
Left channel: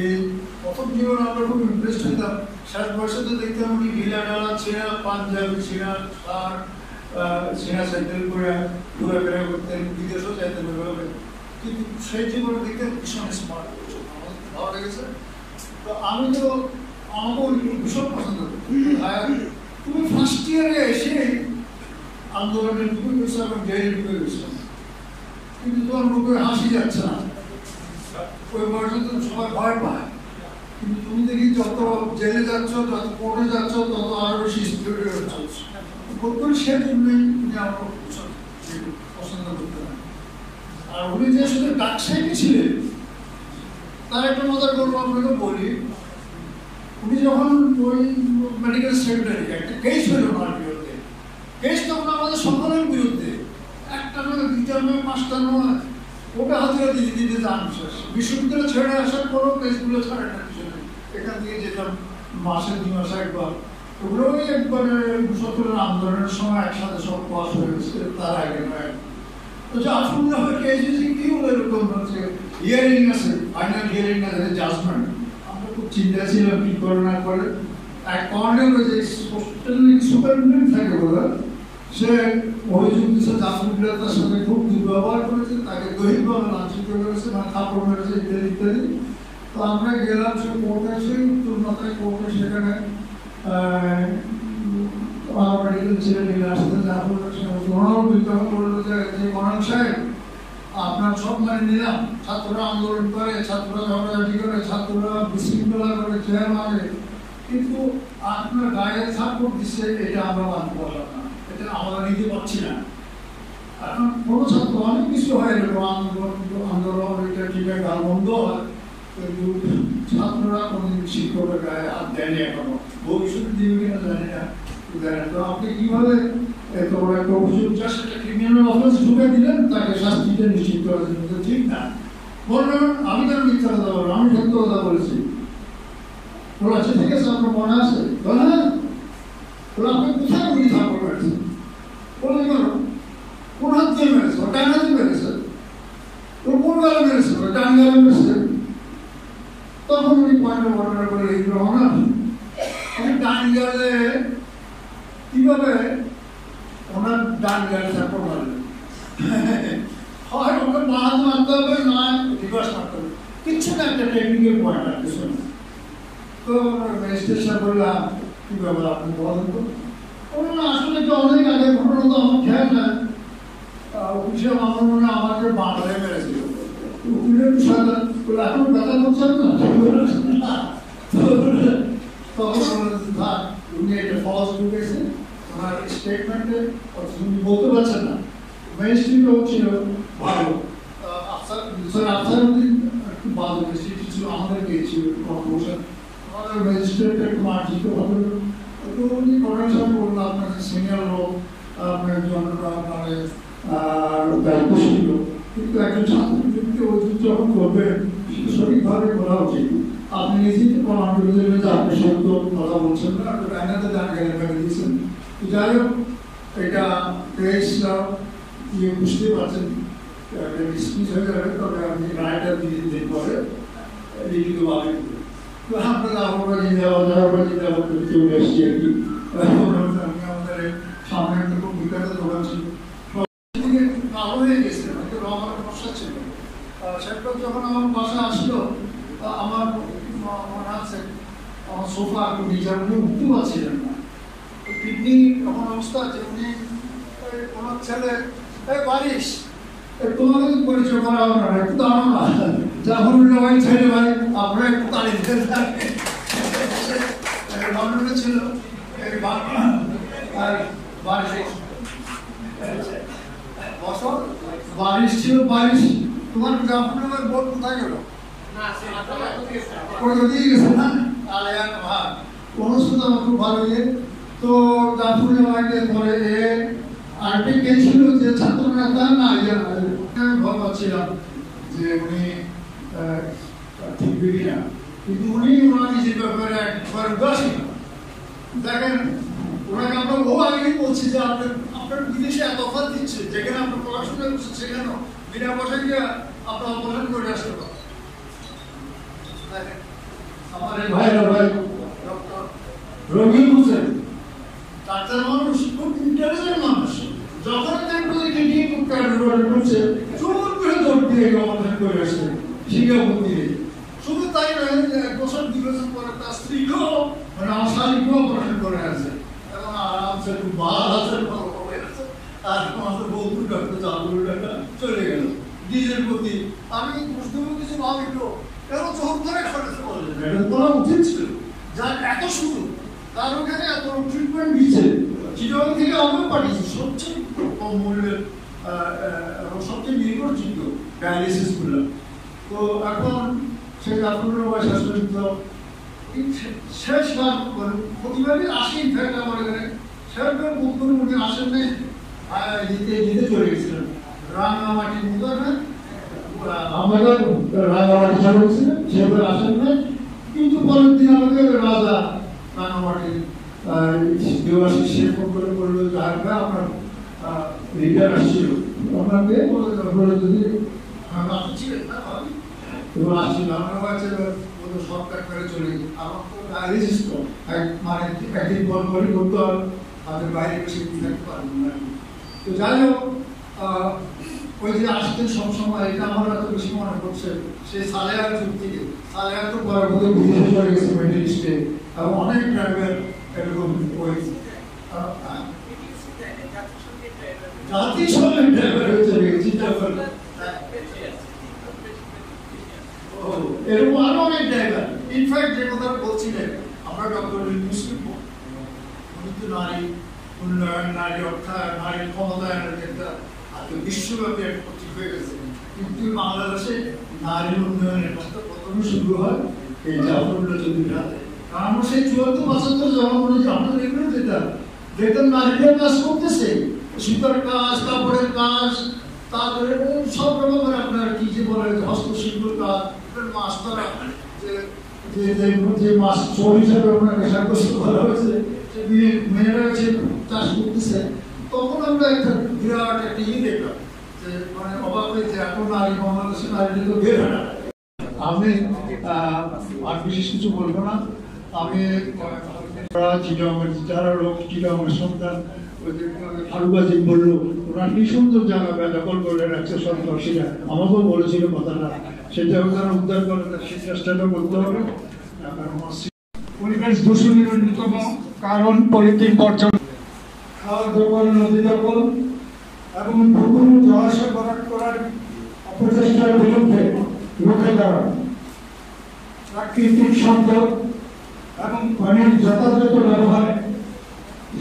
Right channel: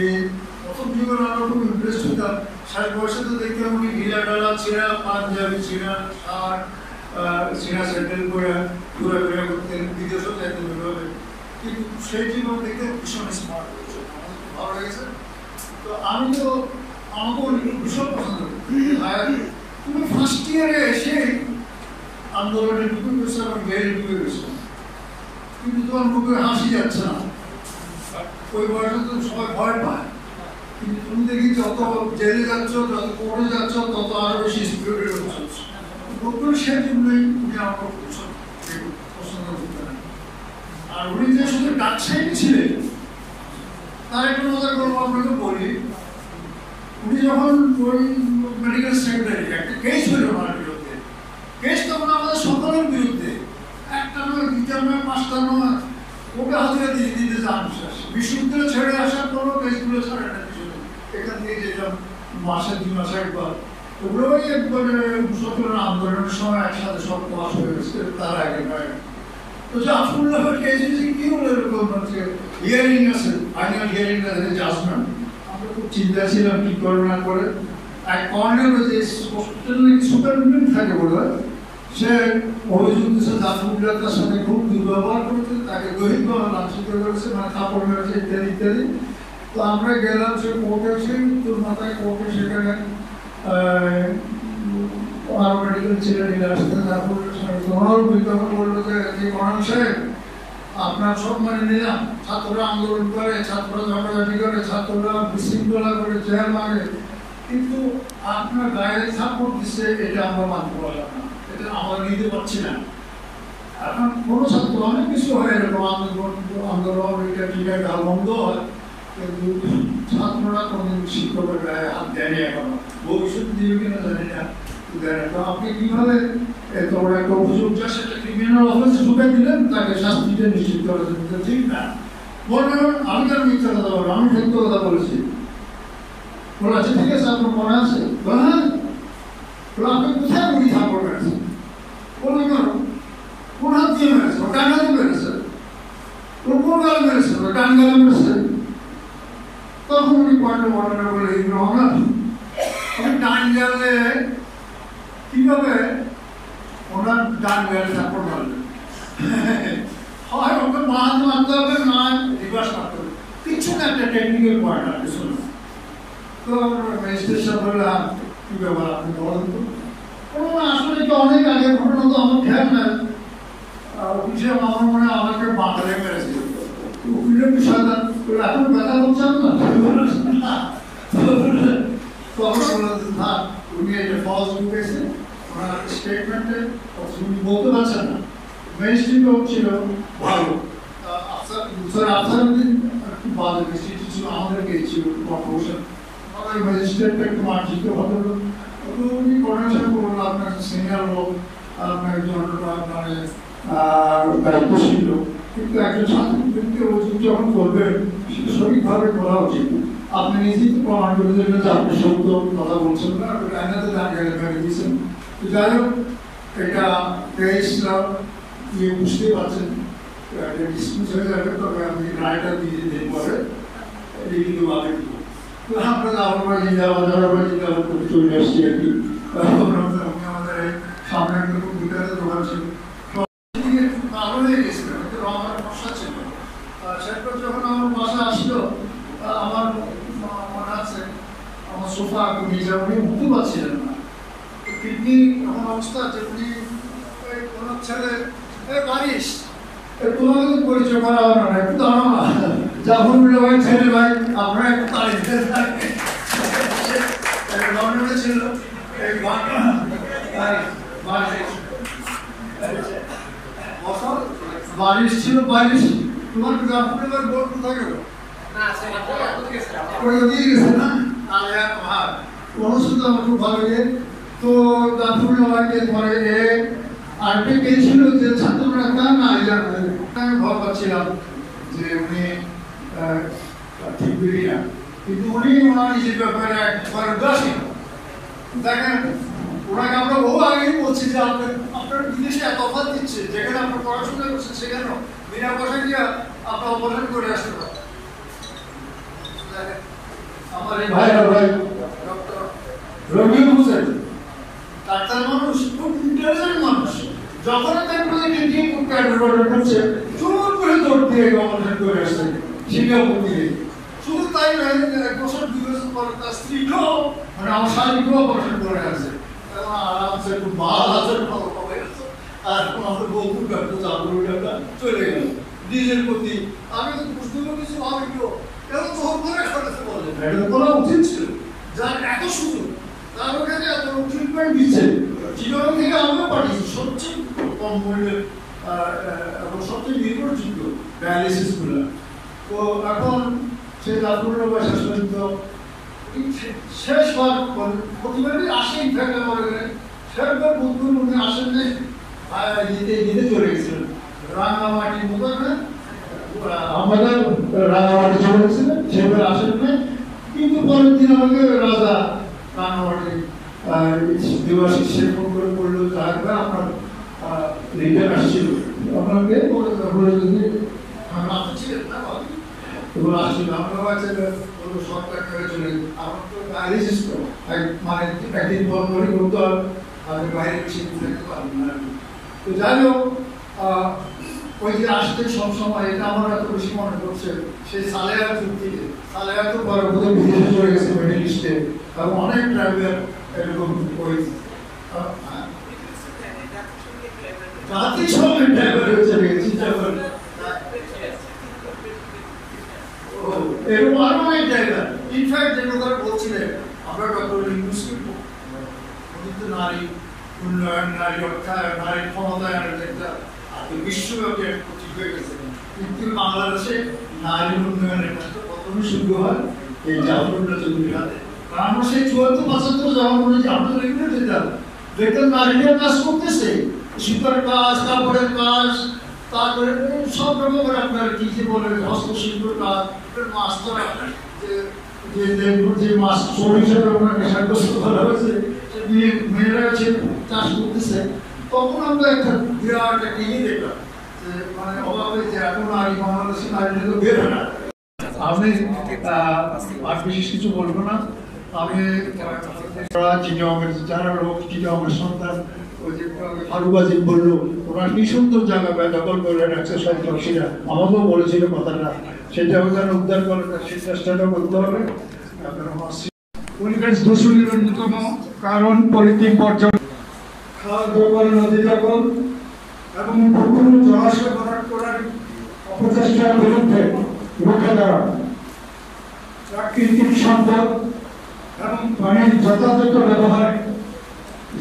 এই প্রথম জীবন আমরা খুব ইমপ্রেসড হতাম, 60 বয়সে তো দেখতাম কি ঢিলা ডালা ছেঁড়া পাঞ্জাবি ছেঁড়া শার্ট ছেঁড়া স্যান্ডেল পরে ঘোরাফেরা করতেন, বিদেশও চাইতেন ওইভাবে। কিন্তু সেই জীবন দেখতে ভীষণ স্মার্ট হয়েছে, আমাদের ভালো লেগেছে। তো আমি তো আমাকে ভীষণ পছন্দ করি। তুমি ফার্স্ট ইয়ারে এসে আন্দোলনে ঢুকে গেছো এবং জেলে ঢুকে গেছো, কিন্তু তোমার মুখে হাসি যাচ্ছে না। ওই বয়সে তো সবাই ভয় পায়, কিন্তু তুমি দেখি যত জেলে যাচ্ছ, যত কোর্টে যাচ্ছ, তত আরো বেশি স্পিরিট হচ্ছে। সেই জন্যই উনি আমাকে পছন্দ করতেন। আর উনি যে শুধু ডাক্তারই ছিলেন তার একটা মজার গল্প আপনাকে বলি। উনি যখন ওই মেডিকেল সেক্রেটারি, একটা কেস হইল ওনার বিরুদ্ধে, কেস তখন আমাদের সকলের বিরুদ্ধে, একটা নয়, দুইটা নয়, 5টা নয়, ওটা হাজিরা দিয়ে দিতে যান শেষ। বিশ্ববিদ্যালয় ছেড়ে আসার পরও কেসগুলো ছাড়ে না পিছনে, এখান থেকে যেতাম মাসে 2 মাস একবার। ওগুলোই একবারে মুসাফিরের আন্দোলনের সময় একসাথে সব পাস হয়ে গেছে, তার আগে নয়। তো জাফরুল্লাহের কেস কি বলে এরকম হচ্ছে হিয়ারিং আছে, ফাইনাল হিয়ারিং আছে, জাজমেন্ট। আমরা খুব চিন্তা ছিলাম কি করে না করে। এক কর্নারে যে সুপারিনটেন্ডেন্ট থাকে বলে, সে অভিযোগ দিচ্ছে জাফরুল্লাহ তার সাথে খুব দুর্ব্যবহার করেছে, তাকে দৈহিকভাবে লাঞ্ছিত করেছে, মানে থাপ্পড় মেরেছে ইত্যাদি ইত্যাদি। তো আমরা গেলাম সেই কোর্টে, সেই উত্তর মাথায় কোর্টে, সেখানে মেডিকেল ছেলে নিয়ে আসতে বললো যে করণ সাহেব আপনার সব মানে নিলাম, ছাত্ররা আন্দোলন করে, ছাত্ররা ঝগড়াঝাটি করে, ছাত্ররা বিশৃঙ্খলা করে, চেয়ার মারে, কিন্তু আপনার গায়ে সাপোর্ট দিচ্ছে, এটা আমরা মানতে পারলাম না, এটা আমরা নিতে পারছি না। এখন কোনো ছাত্র অনেক কিছু হয় এরকম আন্দোলন টিকায় গাল বন্ধ হয়, কিন্তু ছাত্ররা কোনদিন শিক্ষকের গায়ে হাত দেয়নি, এখনো ভবিষ্যতে দিবে কিনা জানি না। তো আপনি কিভাবে এত বড় একটা অভিযোগ যা সেটা ক্রিমিনাল অফিসে ঢুকে দিলেন, তাকে শাস্তিটা নিশ্চিত করার জন্য? ঠিক না, বলবেন আমি কেন মিথ্যা কথা বলবো, আমি সত্য কথা বলেছি। বলে আচ্ছা ঠিক আছে, আপনার মনে আছে? হ্যাঁ। বলে আপনি কোথায় গুলি থাপ্পড় মেরেছেন? বললে কেন? কোন হাত দিয়ে মেরেছে? ও ডান হাতে মেরেছে। ও কোন গালে মেরেছে? ও ডান গালে মেরেছে। তখন উনি পয়েন্টে বর্ণনা করে আমরা আমি ডান গালে কিভাবে ওনার ডান গালে থাপ্পড় মারলেন, হয় ওকে বাঁধ মারতে হবে, না রিভার্স মারতে হবে, কিছু না, একটা টেকনিক্যাল পয়েন্ট আছে শুনুন। তো আমরা ম্যাজিস্ট্রেট সাহেব বললাম কি ব্যাপার আপনি বলেন তো। আসলে এটা অনেক আগে ঘটনা, তো আমার খেয়াল নাই। উকিল সাহেব আমার মনে আমাকে বাঁধালে মেরেছিল, উকিলের বিষয়টা এখন ব্যথা করছেন না, তখন বললেন না উনি এটা ফলস ঢুকেছেন, ওনার স্টেটমেন্টে উনি বলতে পারছেন না। মেইন স্ট্রিমটা ছিল ভালো, আফসারউদ্দিন একটু ভালো মিষ্টি ছিল, আমাদের পেয়েছিল আমাদের ম্যাজিস্ট্রেটটা একটু মার্জিত ভালো। উনি কর্নেশন করুন, আপনার সিনিয়র লোক, আপনার একজন মানে দায়িত্বশীল লোক, কিন্তু একজন ছাত্রকে যখন করবেন সেটা সঠিকভাবে করা উচিত। আপনি নিজেই প্রমাণ করে দেবেন যে আপনি সত্য কথা বলছেন না, আইনাতে জানকারি ভেবে দিয়েছেন। যাই হোক, এটা তেইশরা বুঝতে পারছেন ডিসমিস হয়ে যাবে, তবে আপনি রায়টা দিয়ে দিন পরে লিখিতভাবে আমরা জাহাবাজি করে চলে আসছি আর কি। আমাদের সামনে একটা কম্পিউটারের দোকান ছিল, হয়ে গেছিল, আমার বসা ছিল। সেরপর যখন আমার বাসা আসলো, আমার মনে আছে আমার সোফা নিজে উনি উঠতে পারছিলেন না, কিডনি এমন অবস্থা যে উনি কোনো ছেলে বারিশ তোমাকে পরিচয় করা হবে না, একটু দাঁড়াও না, যখন ভাই ছেলে ভাই আপনারা একটু দাঁড়িয়ে ছিল বারিশ ছিল, বারিশ তোমার জাফরুল্লাহর বোর্ড কোথায় গেল? ওই ওদিকে গেছে না, আর এক ভাগ অনুষ্ঠিত আমার খুব ভালো লাগে। তো জাফরুল্লাহকে পরে আরেকটা কে ছিল যে ছাত্ররা তার না আমি ভয় পাচ্ছিলাম যে উনি ঠিক বেরিয়ে, কিন্তু উনি ওনার নিজের ব্যাপারে একবার উদাসীন। দেখেন ওনাকে আমরা আগেই বলছি যে আপনার বিদেশে এত অফার দিচ্ছে, যেখানে আপনার পড়াশোনা করছে সেখানে বিনা পয়সা গিয়ে আপনার অপারেশন করে আসতে পারেন। আমার এই ভাই ডক্টর রবিউল হোসেন ডাক্তার মানুষ, খুব ইন্টেলিজেন্ট মানুষ, যখন দেখলো যে কিডনি খুব ক্যান্সার করছে জোর করে দৌড় দিয়ে অপারেশন করে আসছে সিঙ্গাপুর থেকে। শুধু তাই নয়, 1 বছর 2 বছর পরে তার স্ত্রীকেও মানে আমার শারীরিক অপারেশন করে আসছে এবং আরামসে খুব ভালো আছে, আর আমাদের বন্ধু ডাক্তার জাফরুল্লাহটা চলে গেল নিজের প্রতি। আমি বুঝতে পেরেছি ভাবিল এত জোর করে করেছে বললেন, এটা বলা উচিত ছিল, যার এত সুযোগ তার ওখানে এত ট্রিটমেন্ট দিচ্ছে। চিটাগাং থেকে আমিও পাঠিয়েছি সবচেয়ে কম মূল্যের এবং সবচেয়ে নির্ভরযোগ্য ডায়ালিসিসগুলো। তো এখন সেই জাফরুল্লাহ শেষ পর্যন্ত শেষবার প্রতিবারই আসে, ইনফ্যাক্ট আমার এখানে শেষবার বুধবার উনি আসেন নেই, নিতে চলে গেছিলেন রাঙামাটির মতো, আমাদের রাঙামাটি চলে গেছিলেন, সেবার আসেন নেই। কিন্তু পরের দিন আমাকে রাজা রাঙামাটি দেওয়াশী সে ফোন করে বললো যে আপনার লিডার আসছিল, আপনাকে আপনি ছিলেন না এবং আসছিল, আমরা সরকার করে চলে আমার তো ডায়ালিসিস তো মানে একদিন পর পরই করতে হবে, আপনি বাইরে বেশি থাকতে পারবেন না। তো যাই হোক, ওই যে আসতে সবসময় এটা আমার এত বেশি মনে করছে সেই সালেহার যুগ থেকে। সালেহার তো পরে বোধহয় বিদেশে চলে গেছে মিডল ইস্টে, এবং অনেক ড্রাইভার এরকম হয়েছে, জাতিসংঘের ড্রাইভার হয়ে চলে গেছে, চিন্তা করেন। এরকম আরো অনেক ড্রাইভার। ইনফ্যাক্ট যে কথা বলছিলেন আমরা ডক্টর ইউনুসকে কিন্তু নারী উন্নয়ন, নারী অর্থায়ন, নারী ক্ষমতায়নের একটা বিশ্বব্যাপী এক প্রতীক হয়ে গেছে, কিন্তু বাংলাদেশে নারী উন্নয়নের কাজটা প্রথমে শুরু হয় এই জাফরুল্লাহ চৌধুরীর হাতে। আমরা সেই 74-75 যখন আমরা রেগুলার যেতাম, দেখতাম নারীরা কাজ করতেছে, সুতার কাজ, কাপড়ের কাজ, তারপরে সব রকমের আপনার কি যে বলে হস্তশিল্পের কাজ, মাছ ধরা, যে মাছ চোর হিসেবে আপনাকে সাব্যস্ত করা হয়েছে, মেয়েরা চাষ করতেছে। তখন আমরা একটা বিরাট একটা দেখলাম যে মানে অবাক হয়েছে, এত নারী বাংলাদেশে নারী তো বের হয় না। আমি আর বিশেষ কিছু বলবো না। আমি যারা লোক চিটাগংয়ের সন্তান, ওই যে ফারুবাজি বললো ওনার কি সুন্দর জায়গা দখল করলেন 160-80টা, আমাকেও বলেছিল কথাটা, সেটা ওখানে উদ্ধার করলে সেই চেষ্টাটা করতে হবে। পরিবেশ দূষণের অন্যতম কারণ পলিথিন বর্জন, খাল দখল, নদী দখল এবং পুকুর জলাশয় ভরাট করার অপচেষ্টার বিরুদ্ধে রুখে দাঁড়ানো, প্রাকৃতিক সম্পদ এবং পানি পানির যথাযথ ব্যবহারে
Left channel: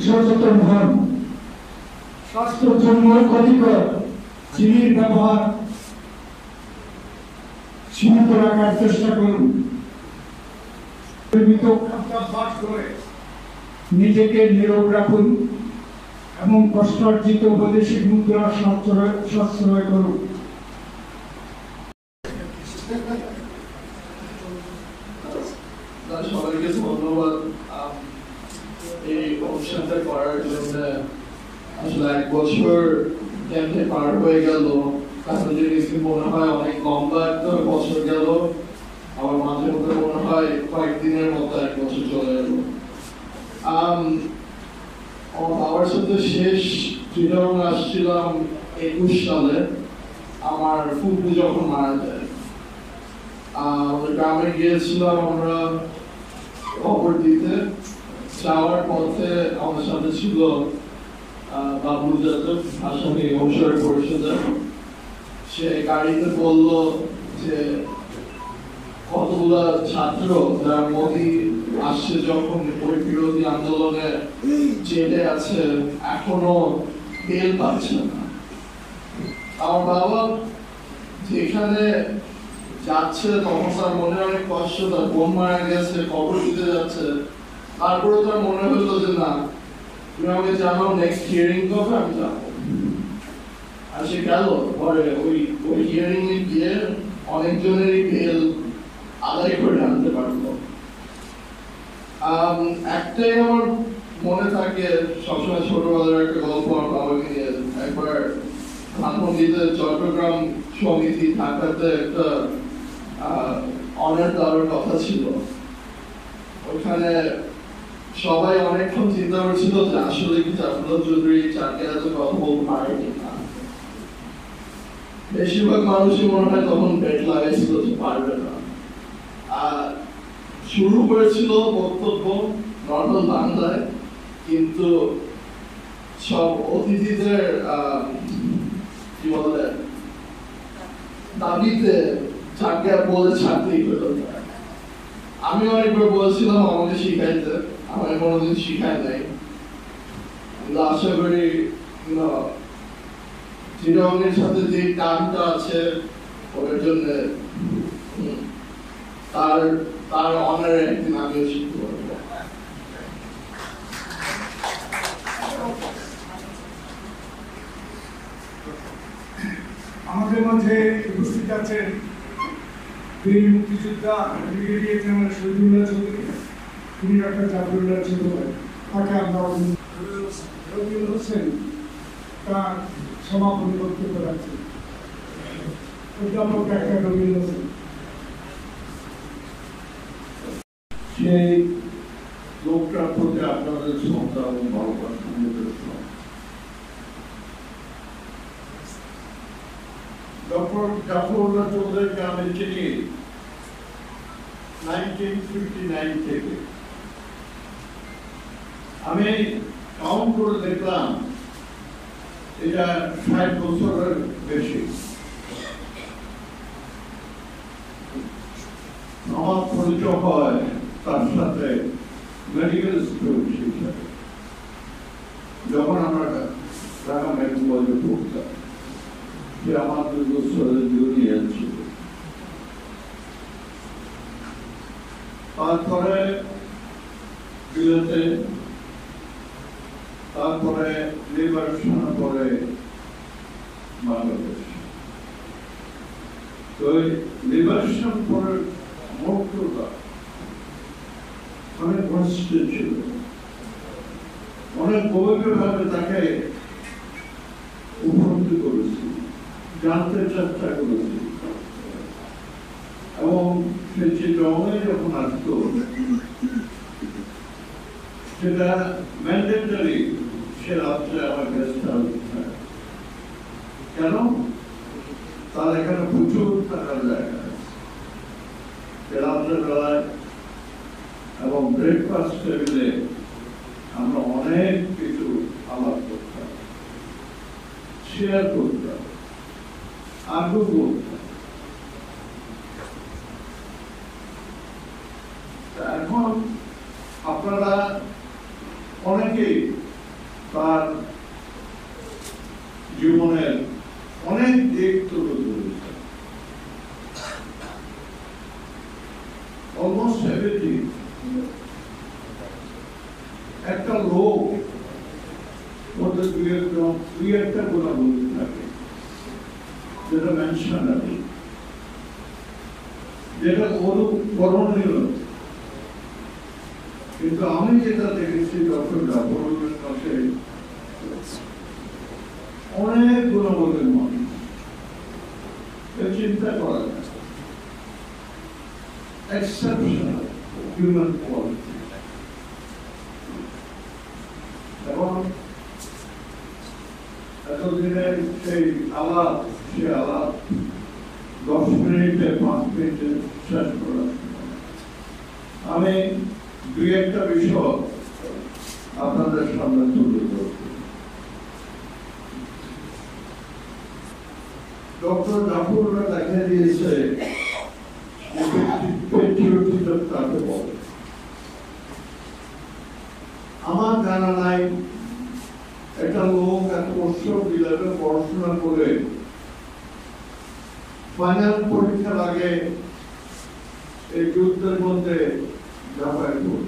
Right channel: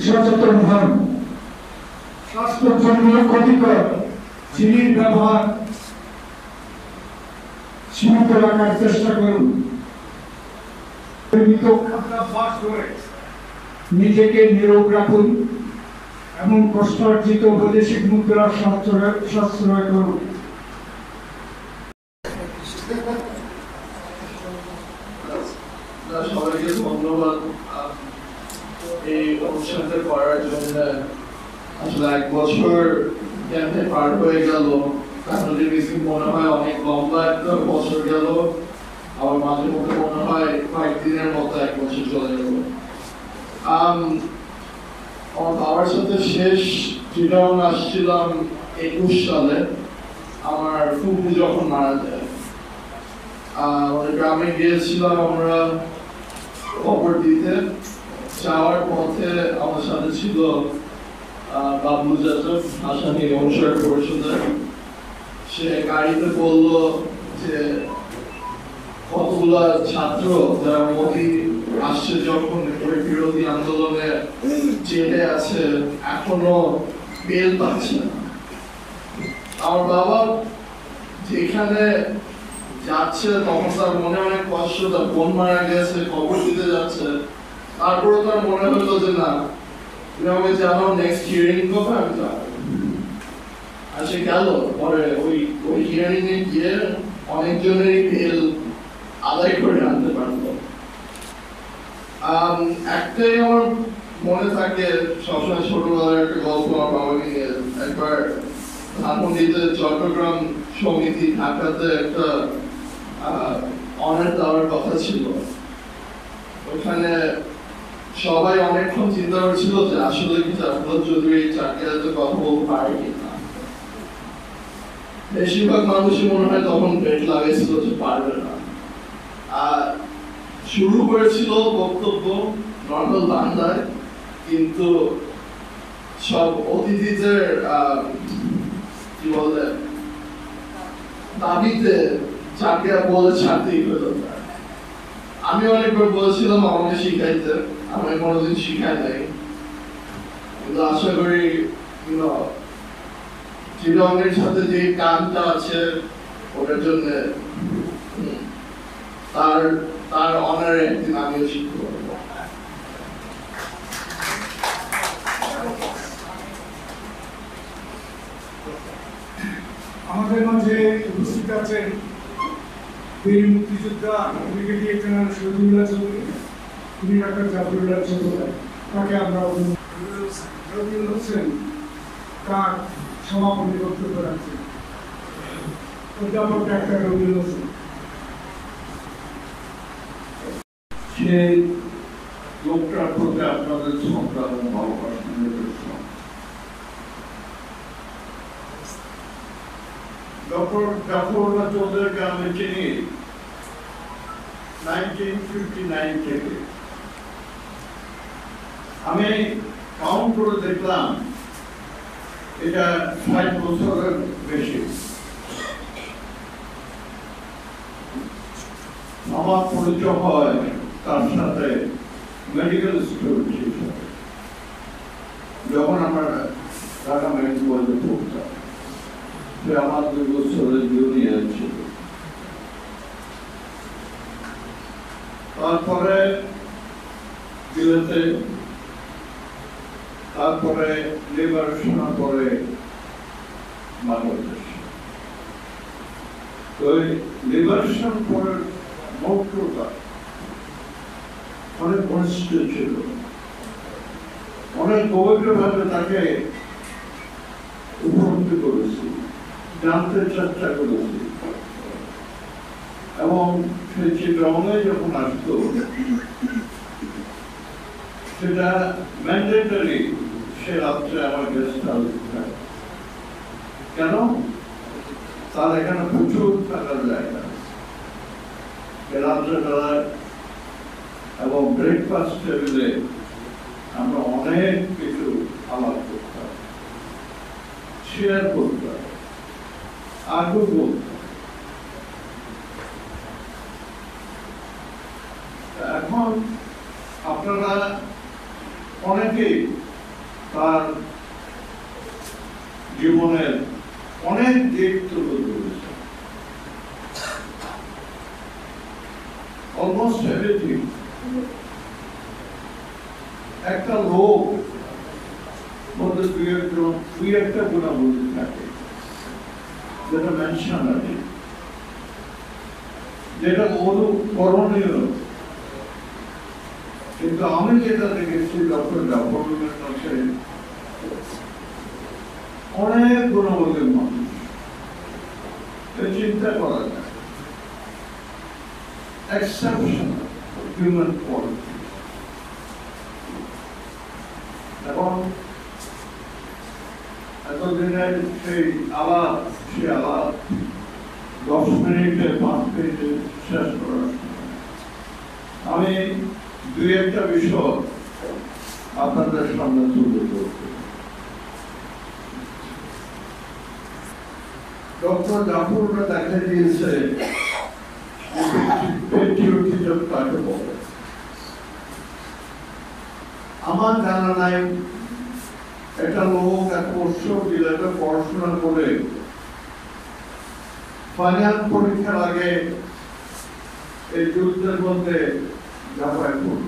সচেতন হন। স্বাস্থ্যের জন্য ক্ষতিকর চিনির ব্যবহার সীমিত রাখার চেষ্টা করুন। অভ্যাস করে নিজেকে নিরোগ রাখুন এবং কষ্টার্জিত বৈদেশিক মুদ্রার সাশ্রয় করুন। সবাইকে ধন্যবাদ এই অনুষ্ঠানটা করার জন্য। আসলে 1 বছর কেমনে পার হয়ে গেল, আসলে মনে হয় অনেক লম্বা একটা বছর গেল, আমার মাঝে মধ্যে মনে হয় কয়েকদিনের মতো 1 বছর চলে গেল। আমার বাবার সাথে শেষ চিটাগং আসছিলাম 21 সালে, আমার ফুপু যখন মারা যায়। আমাদের গ্রামে গিয়েছিলাম আমরা খবর দিতে। যাওয়ার পথে আমার সাথে ছিল বাবু যাদব, আসামি অনুসরণ পরিষদের। সে গাড়িতে বলল যে কতগুলা ছাত্র যারা মোদী আসছে যখন বিরোধী আন্দোলনে জেলে আছে এখনো বেল পাচ্ছে না। আমার বাবা যেখানে যাচ্ছে তখন তার মনে অনেক কষ্ট, তার বোন মারা গেছে, খবর দিতে যাচ্ছে। তারপরে তার মনে হলো যে না, তুমি আমাকে জানাও নেক্সট হিয়ারিং কবে আমি যাবো। আর সে গেল। পরে ওই হিয়ারিং এ গিয়ে অনেকজনেরই বেল আদায় করে আনতে পারলো। একটাই আমার মনে থাকে সবসময়, ছোটবেলার একটা গল্প আমার বাবাকে নিয়ে। একবার ধানমন্ডিতে চট্টগ্রাম সমিতি ঢাকাতে একটা অনার দেওয়ার কথা ছিল। ওইখানে সবাই অনেকক্ষণ চিন্তা করছিল যে আসলে কি জাফরুল্লাহ চৌধুরী চারটিয়াতে কথা বলতে পারে কিনা। বেশিরভাগ মানুষই মনে হয় তখন বেট লাগাইছিল যে পারবে না। শুরু করেছিল বক্তব্য নর্মাল বাংলায়, কিন্তু সব অতিথিদের কি বলে দাবিতে চারটিয়া বলে ছাড়তেই হতো। আমি অনেকবার বলেছিলাম আমাকে শিখাইতে, আমাকে কোনোদিন শিখায় নাই। কিন্তু আশা করি চিরঙ্গের সাথে যে টানটা আছে ওটার জন্য তার অনারে একদিন আমিও শিখতে পারবো। আমাদের মাঝে উপস্থিত আছেন বীর মুক্তিযোদ্ধা ব্রিগেডিয়ার জেনারেল শহীদুল্লাহ চৌধুরী, তিনি ডক্টর জাফরুল্লাহ চৌধুরী। তাকে আমরা রবিউল হোসেন তার সমাপনী বক্তব্য রাখছেন। অধ্যাপক ডাক্তার রবিউল হোসেন। সেই লোকটার প্রতি আপনাদের শ্রদ্ধা এবং ভালোবাসা নিবেদন। ডক্টর জাফরুল্লাহ চৌধুরীকে আমি চিনি 1959 থেকে। আমি কাউন্ট করে দেখলাম এটা 60 বছরের বেশি। আমার পরিচয় হয় তার সাথে মেডিকেল স্টুডেন্ট হিসাবে, যখন আমরা ঢাকা মেডিকেল কলেজে পড়তাম। সে আমার 2 বছরের জুনিয়র ছিল। তারপরে বিলেতে, তারপরে লিবারেশন করে বাংলাদেশ। তো লিবারেশন করে মৌক্তটা অনেক ঘনিষ্ঠ ছিল। অনেক গভীরভাবে তাকে উপলব্ধি করেছি, জানতে চেষ্টা করেছি। এবং সে চিত্রমে যখন আসতো সেটা ম্যান্ডেটরি, সে রাত্রে আমার গেস্ট হাউস থাকে। কেন? তার এখানে প্রচুর থাকার জায়গা, রাত্রে বেলায় এবং ব্রেকফাস্ট টেবিলে আমরা অনেক কিছু আলাপ করতাম, শেয়ার করতাম, আগ্রহ করতাম। এখন আপনারা অনেকেই তার জীবনের অনেক দিক তুলে ধরেছেন, অলমোস্ট এভরিথিং। একটা লোক মধ্যে দুই একটা গুণাবলী থাকে যেটা মেনশন আছে, যেটা অনুকরণীয়। কিন্তু আমি যেটা দেখেছি ডক্টর জাফরের কাছে অনেক গুণাবলীর মানুষ, চিন্তা করা যায় এক্সেপশন হিউম্যান কোয়ালিটি। এবং এতদিনের সেই আলাপ 10 মিনিটে 5 মিনিটে শেষ করার আমি দুই একটা বিষয় আপনাদের সামনে তুলে ধরব। ডক্টর জাফররা দেখা দিয়েছে পেট্রিয়টিজম কাকে বলে। আমার জানা নাই একটা লোক এত বছর বিলাতে পড়াশোনা করে ফাইনাল পরীক্ষার আগে এই যুদ্ধের মধ্যে ঝাঁপায় পড়ল।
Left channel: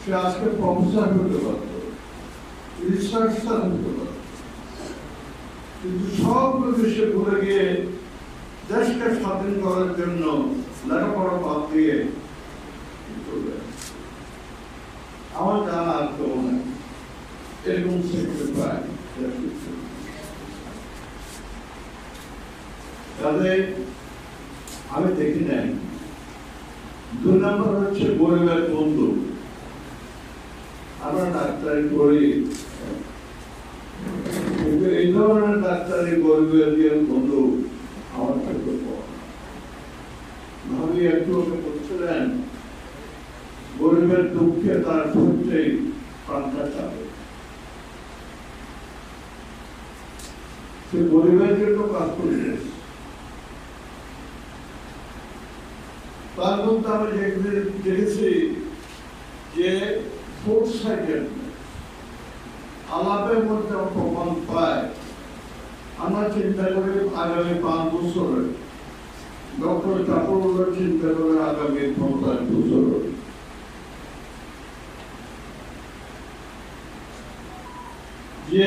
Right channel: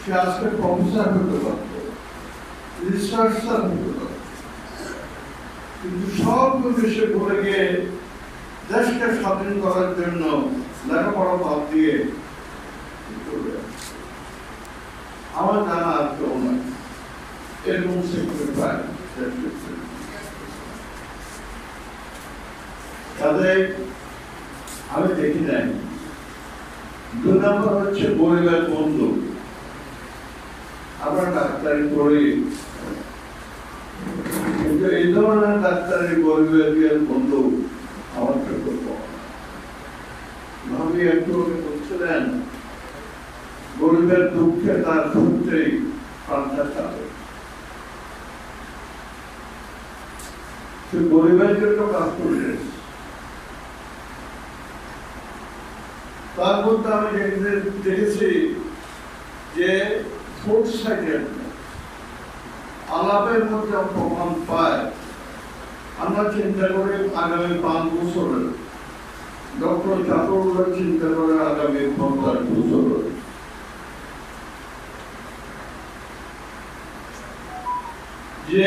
সে আজকে প্রফেসর হতে পারত, রিসার্চার হতে পারত, কিন্তু সব দেশে ভুলে গিয়ে দেশকে স্বাধীন করার জন্য লেখাপড়া বাদ দিয়ে আমার জানা আর কেউ নাই এরকম সেক্টরে পায়। তাদের আমি দেখি নাই। 2 নম্বর হচ্ছে গরিবের বন্ধু। আমরা ডাক্তারি করি, কিন্তু এই ধরনের ডাক্তারি গরিবের বন্ধু আমার চোখে কম। ভাবি একটু বলছিলেন গরিবের দুঃখে তার সূত্রেই পাল্টা চাবে। সে গরিবের জন্য কাজ করছে। তার মধ্যে আমি দেখেছি যে ফোর্থ সাইডের আলাপের মধ্যে প্রমাণ পায়। আমরা চিন্তা করি আগামী 5 বছরে, ডক্টর জাফরুল্লাহ চিন্তা করে আগামী 50 বছরে। যে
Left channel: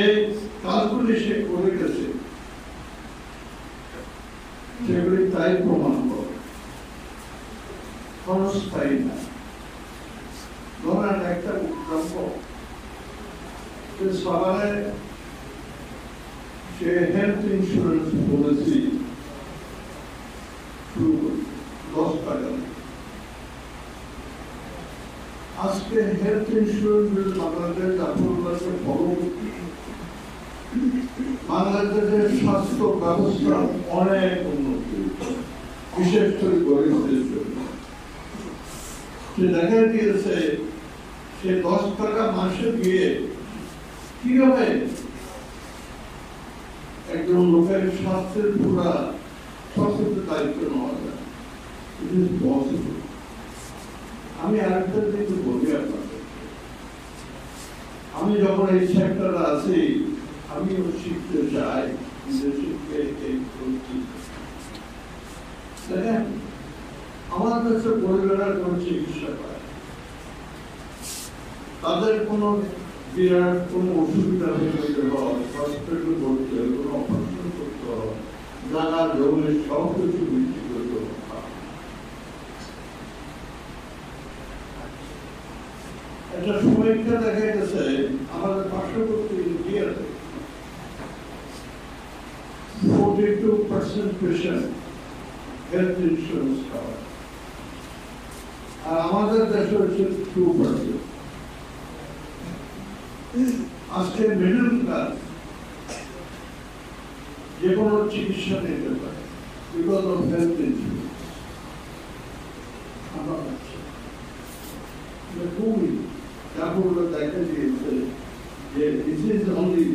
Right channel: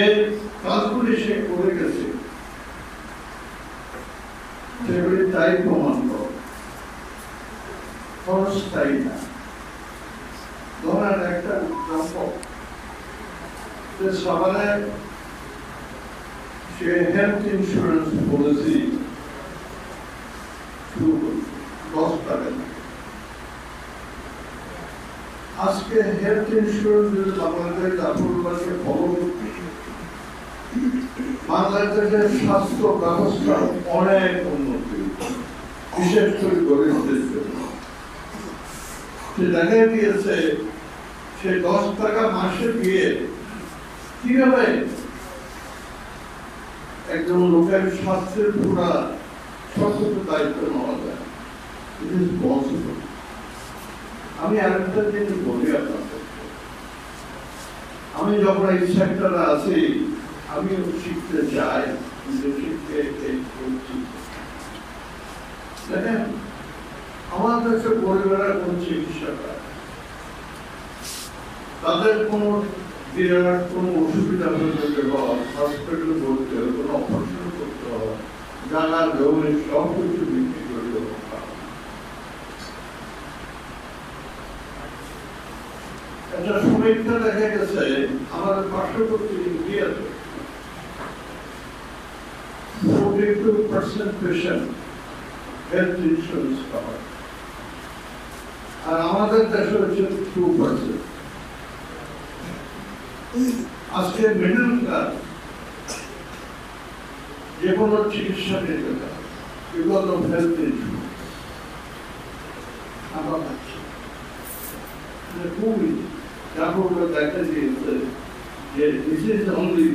কাজগুলি সে করে গেছে সেগুলি তাই প্রমাণ করে, ক্ষণস্থায়ী না। ধরেন একটা সবাই সে হেলথ ইন্স্যুরেন্স পলিসি 10 টাকা। আজকে হেলথ ইন্স্যুরেন্স বাংলাদেশ জাফরুল্লাহকে বাংলাদেশের স্বাস্থ্য ব্যবস্থা অনেক উন্নতি, বিশেষ করে গরিবদের জন্য। সে দেখা গিয়েছে সে 10 টাকা মাসে দিয়ে কিভাবে একজন লোকের স্বাস্থ্যের পুরা সচেতন দায়িত্ব নেওয়া যায়। It is possible. আমি আরেকটা জিনিস বলি আপনাদের, আমি যখন এই সেক্টরে আছি আমিও শিখতে চাই, শিখতে করছি। দেখেন আমার কাছে পরিবারের কোন চিকিৎসা পায়, তাদের কোন বিরাট কোন অসুবিধা হতে হয়, হসপিটাল ভর্তি হয়, কোন অপারেশন করতে হয়, জানা জমি সব কিছু বিক্রি করতে হয়। একটা সমীক্ষা দেখা গেছে আমাদের পার্শ্ববর্তী ইন্ডিয়াতে 42% পেশেন্ট হেলথ ইন্স্যুরেন্স কভার, আর আমাদের দেশে হচ্ছে 2%। আজকে মিডল ক্লাস যে কোনো চিকিৎসা নিতে পারে বিকজ অফ হেলথ ইন্স্যুরেন্স। আমরা পাচ্ছি খুবই জাফরুল্লাহ দেখা দিয়েছে যে দিস ইজ অনলি